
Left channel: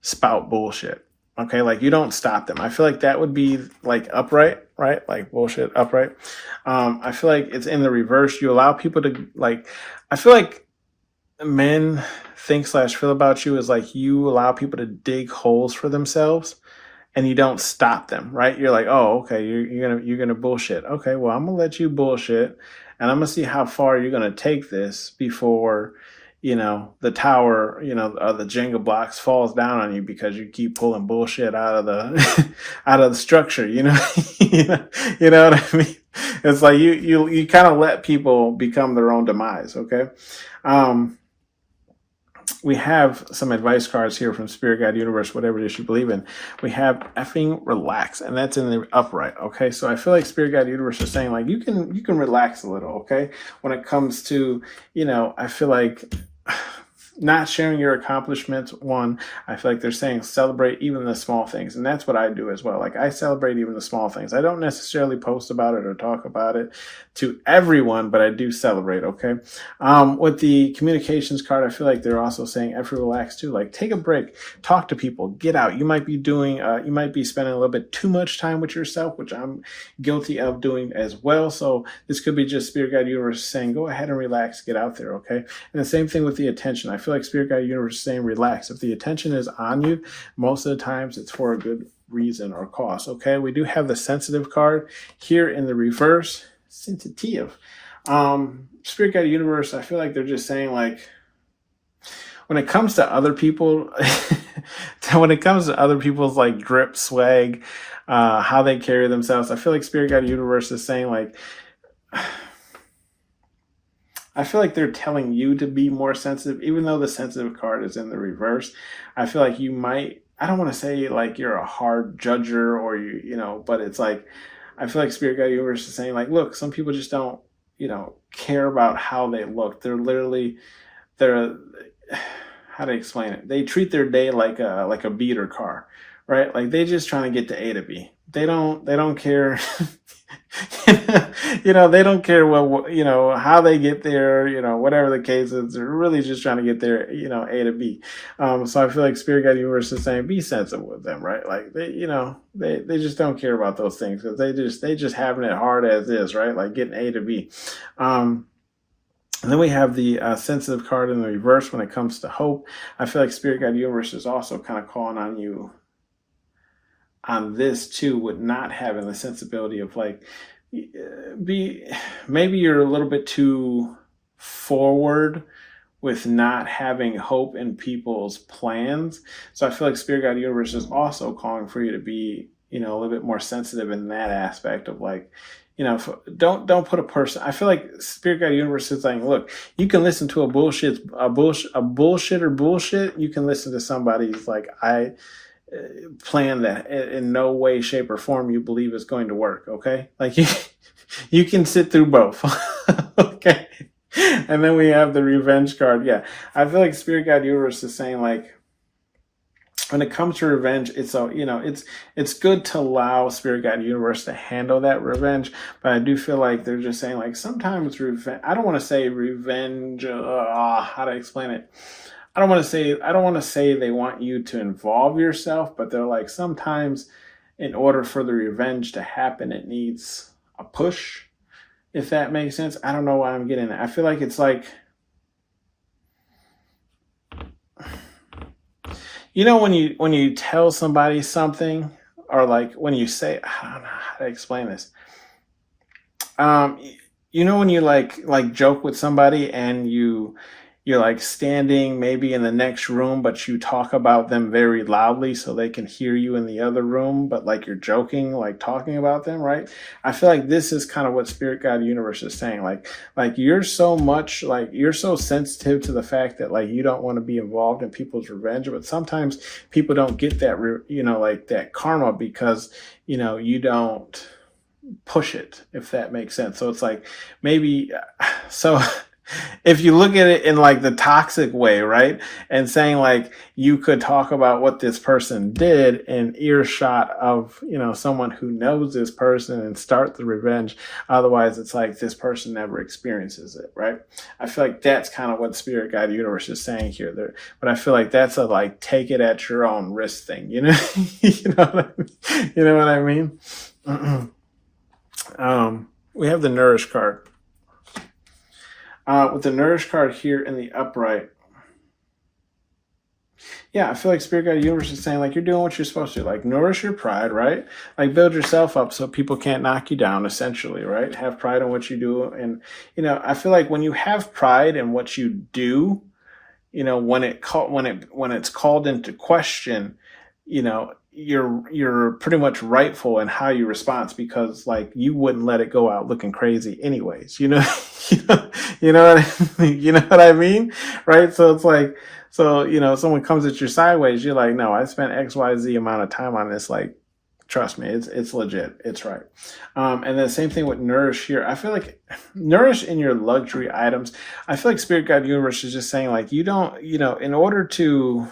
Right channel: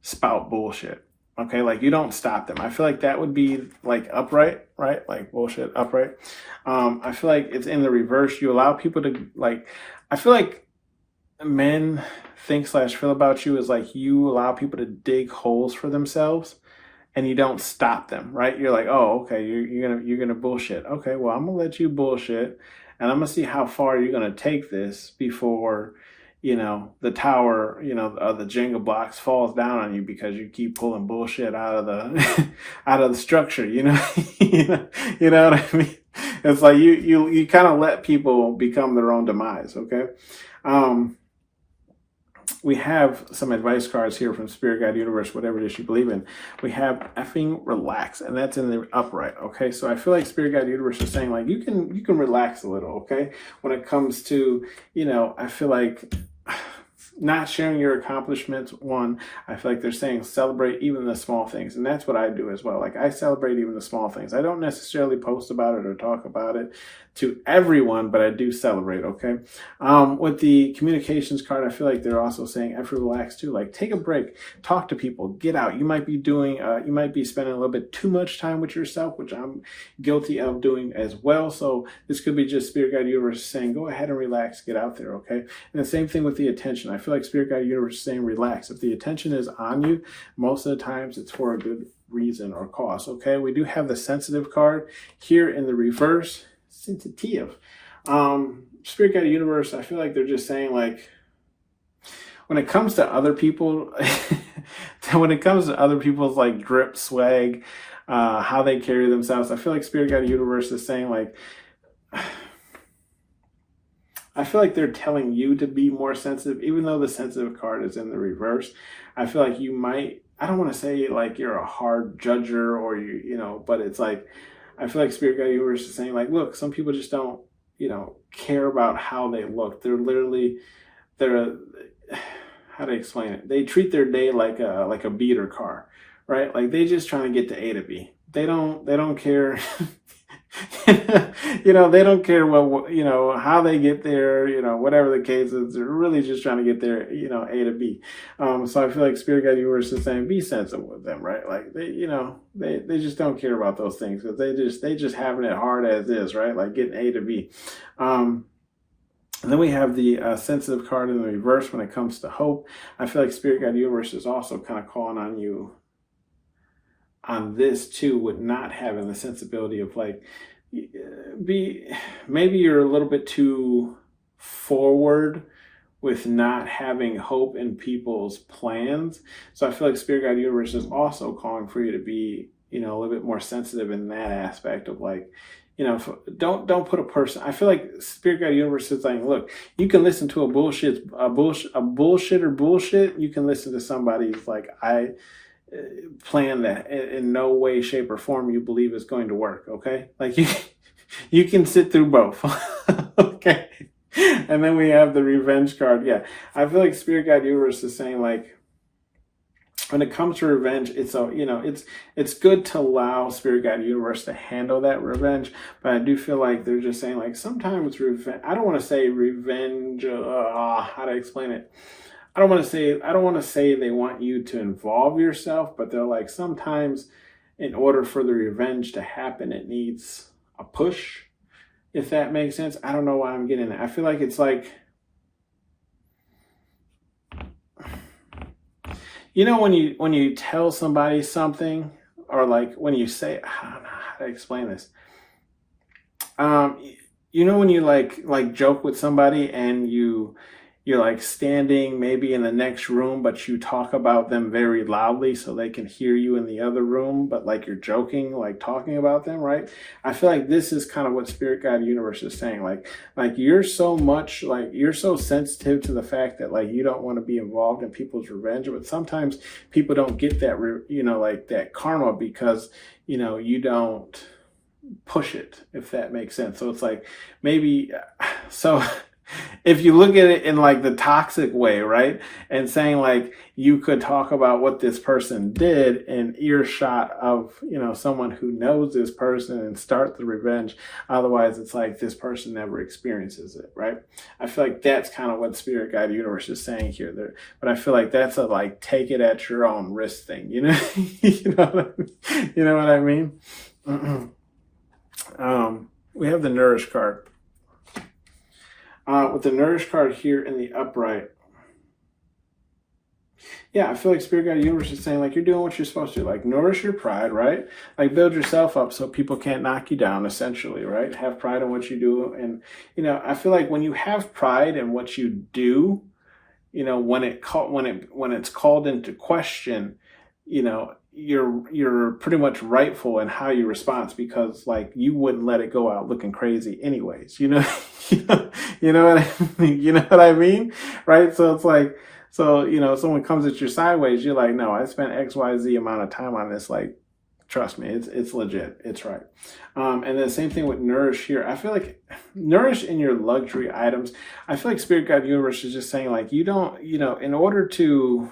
spout bullshit. Okay. You don't stop them. I feel like that would be upright, right? Bullshit upright. I feel like it's in the reverse. You allow people to I feel like men think slash feel about you is you allow people to dig holes for themselves. And you don't stop them, right? You're like, oh, okay, you're gonna bullshit. Okay, well, I'm gonna let you bullshit, and I'm gonna see how far you're gonna take this before, the tower, the Jenga blocks falls down on you because you keep pulling bullshit out of the out of the structure. You know what I mean? It's like you kind of let people become their own demise. Okay. We have some advice cards here from Spirit Guide Universe, whatever it is you believe in. We have effing relax, and that's in the upright. Okay, so I feel like Spirit Guide Universe is saying you can relax a little. Okay, when it comes to I feel like not sharing your accomplishments. One, I feel like they're saying celebrate even the small things, and that's what I do as well. I celebrate even the small things. I don't necessarily post about it or talk about it to everyone, but I do celebrate. Okay. With the communications card, I feel like they're also saying effort relax too. Take a break, talk to people, get out. You might be spending a little bit too much time with yourself, which I'm guilty of doing as well. So this could be just Spirit Guide Universe saying, go ahead and relax, get out there. Okay. And the same thing with the attention. I feel like Spirit Guide Universe is saying relax. If the attention is on you, most of the times it's for a good reason or cause. Okay. We do have the sensitive card here in the reverse. Sensitive. Spirit Guide Universe, I feel like they're just saying like, when it comes to other people, when it comes to other people's like drip swag, how they carry themselves, I feel like Spirit Guide Universe is saying like, I feel like they're telling you to be more sensitive, even though the sensitive card is in the reverse. I feel like you might, I don't want to say like you're a hard judger or but it's like, I feel like Spirit Guide Universe is saying like, look, some people just don't, care about how they look. They're, how to explain it? They treat their day like a beater car, right? Like they just trying to get to A to B. They don't care. They don't care how they get there, whatever the case is. They're really just trying to get there, A to B. So I feel like Spirit Guide Universe is saying be sensitive with them, right? Like they just don't care about those things because they just having it hard as is, right? Like getting A to B. And then we have the sensitive card in the reverse when it comes to hope. I feel like Spirit Guide Universe is also kind of calling on you on this too, with not having the sensibility of like, maybe you're a little bit too forward with not having hope in people's plans. So I feel like Spirit Guide Universe is also calling for you to be, a little bit more sensitive in that aspect of like, don't put a person. I feel like Spirit Guide Universe is saying, look, you can listen to a bullshitter bullshit. You can listen to somebody's like, plan that in no way, shape, or form you believe is going to work. Okay, like you can sit through both. Okay, and then we have the revenge card. Yeah, I feel like Spirit Guide Universe is saying like, when it comes to revenge, it's good to allow Spirit Guide Universe to handle that revenge, but I do feel like they're just saying like sometimes revenge. I don't want to say revenge. How to explain it? I don't want to say they want you to involve yourself, but they're like sometimes in order for the revenge to happen, it needs a push, if that makes sense. I don't know why I'm getting it. I feel like it's like, when you tell somebody something, or like when you say, I don't know how to explain this. When you like joke with somebody and you're like standing maybe in the next room, but you talk about them very loudly so they can hear you in the other room, but like you're joking, like talking about them, right? I feel like this is kind of what Spirit Guide Universe is saying. Like you're so sensitive to the fact that like you don't want to be involved in people's revenge, but sometimes people don't get that, like that karma because, you don't push it, if that makes sense. So it's like maybe, so if you look at it in like the toxic way, right? And saying like you could talk about what this person did in earshot of, someone who knows this person and start the revenge. Otherwise, it's like this person never experiences it, right? I feel like that's kind of what Spirit Guide Universe is saying here. But I feel like that's a like take it at your own risk thing, you know what I mean? We have the Nourish card. With the Nourish card here in the upright, yeah, I feel like Spirit Guide Universe is saying like you're doing what you're supposed to, like nourish your pride, right? Like build yourself up so people can't knock you down, essentially, right? Have pride in what you do, and I feel like when you have pride in what you do, when it's called into question, you're pretty much rightful in how you respond because like you wouldn't let it go out looking crazy anyways, you know what I mean, right? So it's like, someone comes at you sideways, you're like, no, I spent XYZ amount of time on this, like trust me, it's legit, it's right. And then same thing with Nourish here. I feel like Nourish in your luxury items, I feel like Spirit Guide Universe is just saying like you don't, in order to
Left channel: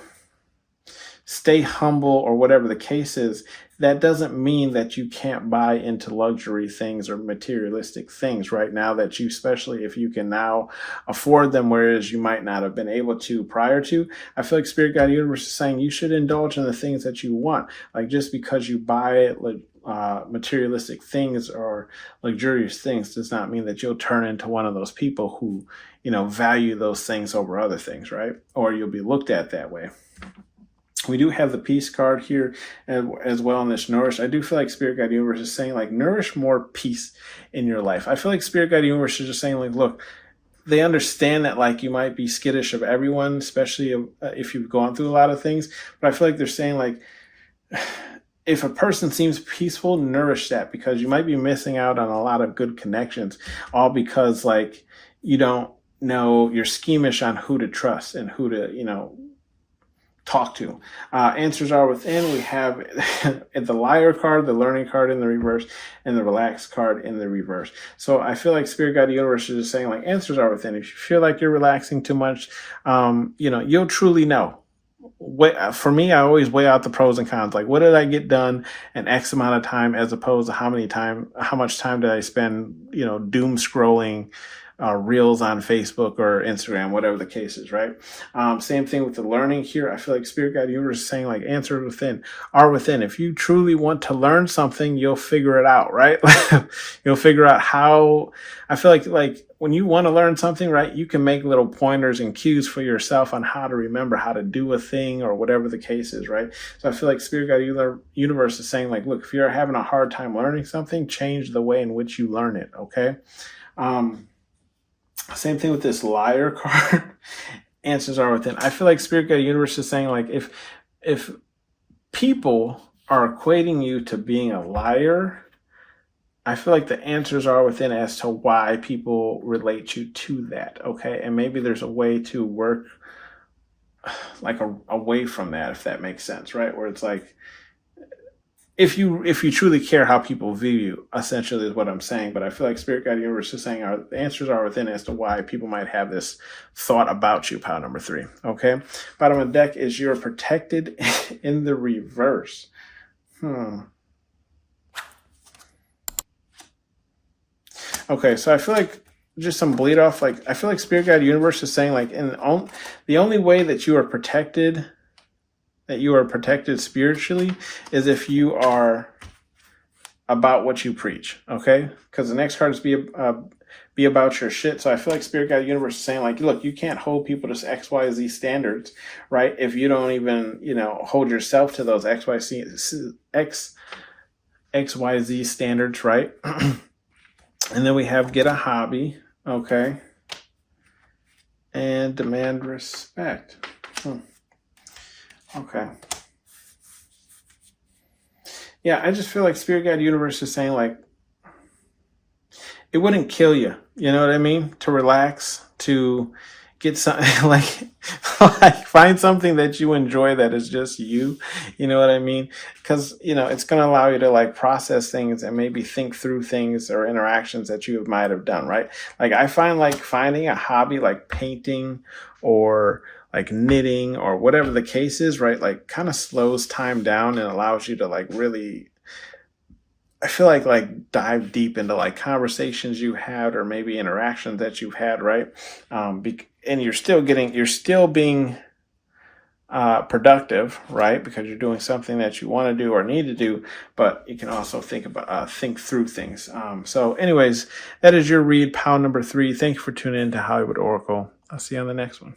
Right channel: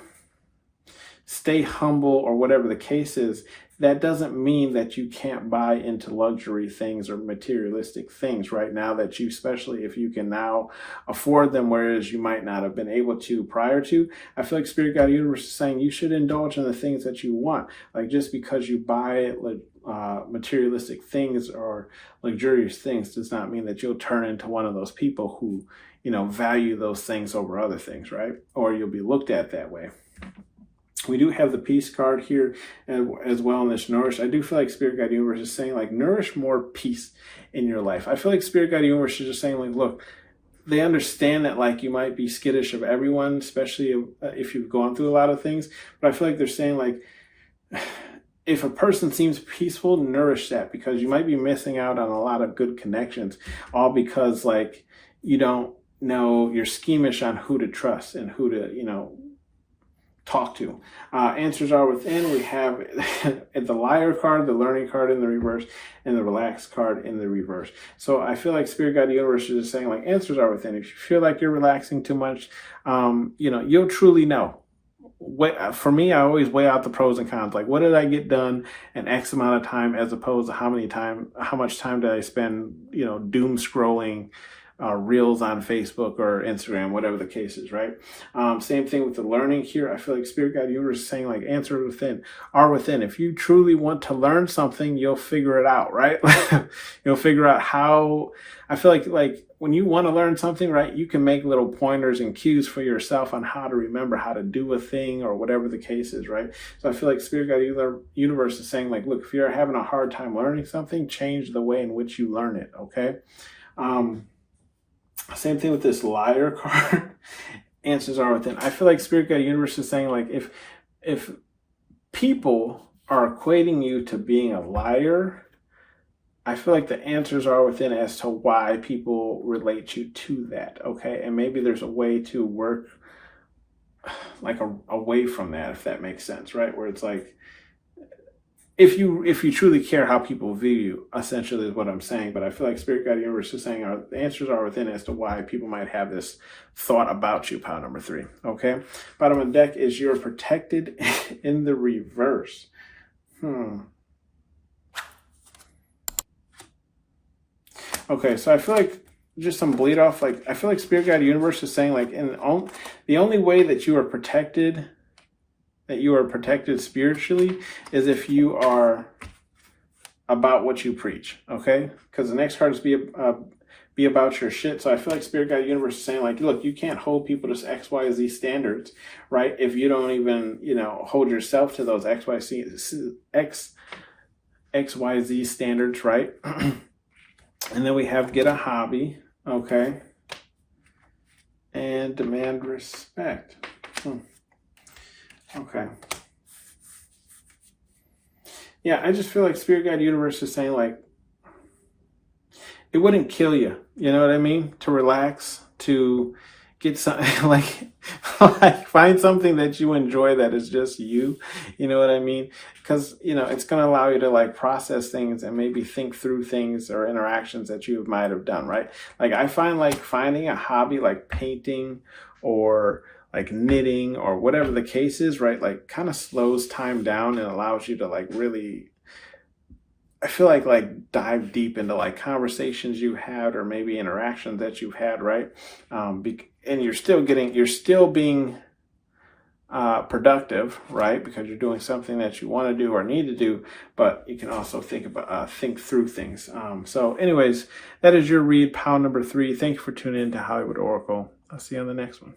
stay humble or whatever the case is, that doesn't mean that you can't buy into luxury things or materialistic things right now that you, especially if you can now afford them, whereas you might not have been able to prior to. I feel like Spirit Guide Universe is saying you should indulge in the things that you want. Like just because you buy materialistic things or luxurious things does not mean that you'll turn into one of those people who, value those things over other things, right? Or you'll be looked at that way. We do have the peace card here as well in this nourish. I do feel like Spirit Guide Universe is saying like nourish more peace in your life. I feel like Spirit Guide Universe is just saying like, look, they understand that like you might be skittish of everyone, especially if you've gone through a lot of things. But I feel like they're saying like, if a person seems peaceful, nourish that, because you might be missing out on a lot of good connections, all because like you don't know, you're schemish on who to trust and who to, talk to. Answers are within. We have the liar card, the learning card in the reverse, and the relaxed card in the reverse. So I feel like Spirit Guide Universe is just saying like answers are within. If you feel like you're relaxing too much, you'll truly know. For me, I always weigh out the pros and cons. Like, what did I get done in X amount of time, as opposed to how much time did I spend, doom scrolling reels on Facebook or Instagram, whatever the case is, right? Same thing with the learning here. I feel like Spirit Guide Universe is saying like answers within are within. If you truly want to learn something, you'll figure it out, right? You'll figure out how. I feel like when you want to learn something, right, you can make little pointers and cues for yourself on how to remember how to do a thing or whatever the case is, right? So I feel like Spirit Guide Universe is saying like, look, if you're having a hard time learning something, change the way in which you learn it, okay? Same thing with this liar card. Answers are within. I feel like Spirit Guide Universe is saying like if people are equating you to being a liar, I feel like the answers are within as to why people relate you to that, okay? And maybe there's a way to work like away from that, if that makes sense, right? Where it's like, if you truly care how people view you, essentially is what I'm saying. But I feel like Spirit Guide Universe is saying the answers are within as to why people might have this thought about you, pile number 3. Okay. Bottom of the deck is you're protected in the reverse. Okay, so I feel like just some bleed off. Like I feel like Spirit Guide Universe is saying like the only way that you are protected spiritually is if you are about what you preach, okay? Because the next card is be about your shit. So I feel like Spirit Guide Universe is saying like, look, you can't hold people to X, Y, Z standards, right? If you don't even, hold yourself to those X, Y, Z standards, right? And then we have get a hobby, okay? And demand respect. Okay. Yeah, I just feel like Spirit Guide Universe is saying like, it wouldn't kill you. You know what I mean? To relax, to get something like find something that you enjoy that is just you. You know what I mean? Because, it's going to allow you to like process things and maybe think through things or interactions that you might have done, right? Like I find like finding a hobby like painting or like knitting or whatever the case is, right? Like kind of slows time down and allows you to like really, I feel like dive deep into like conversations you had or maybe interactions that you've had, right? And you're still being productive, right? Because you're doing something that you want to do or need to do, but you can also think through things. So anyways, that is your read, pile number 3. Thank you for tuning in to Hollywood Oracle. I'll see you on the next one.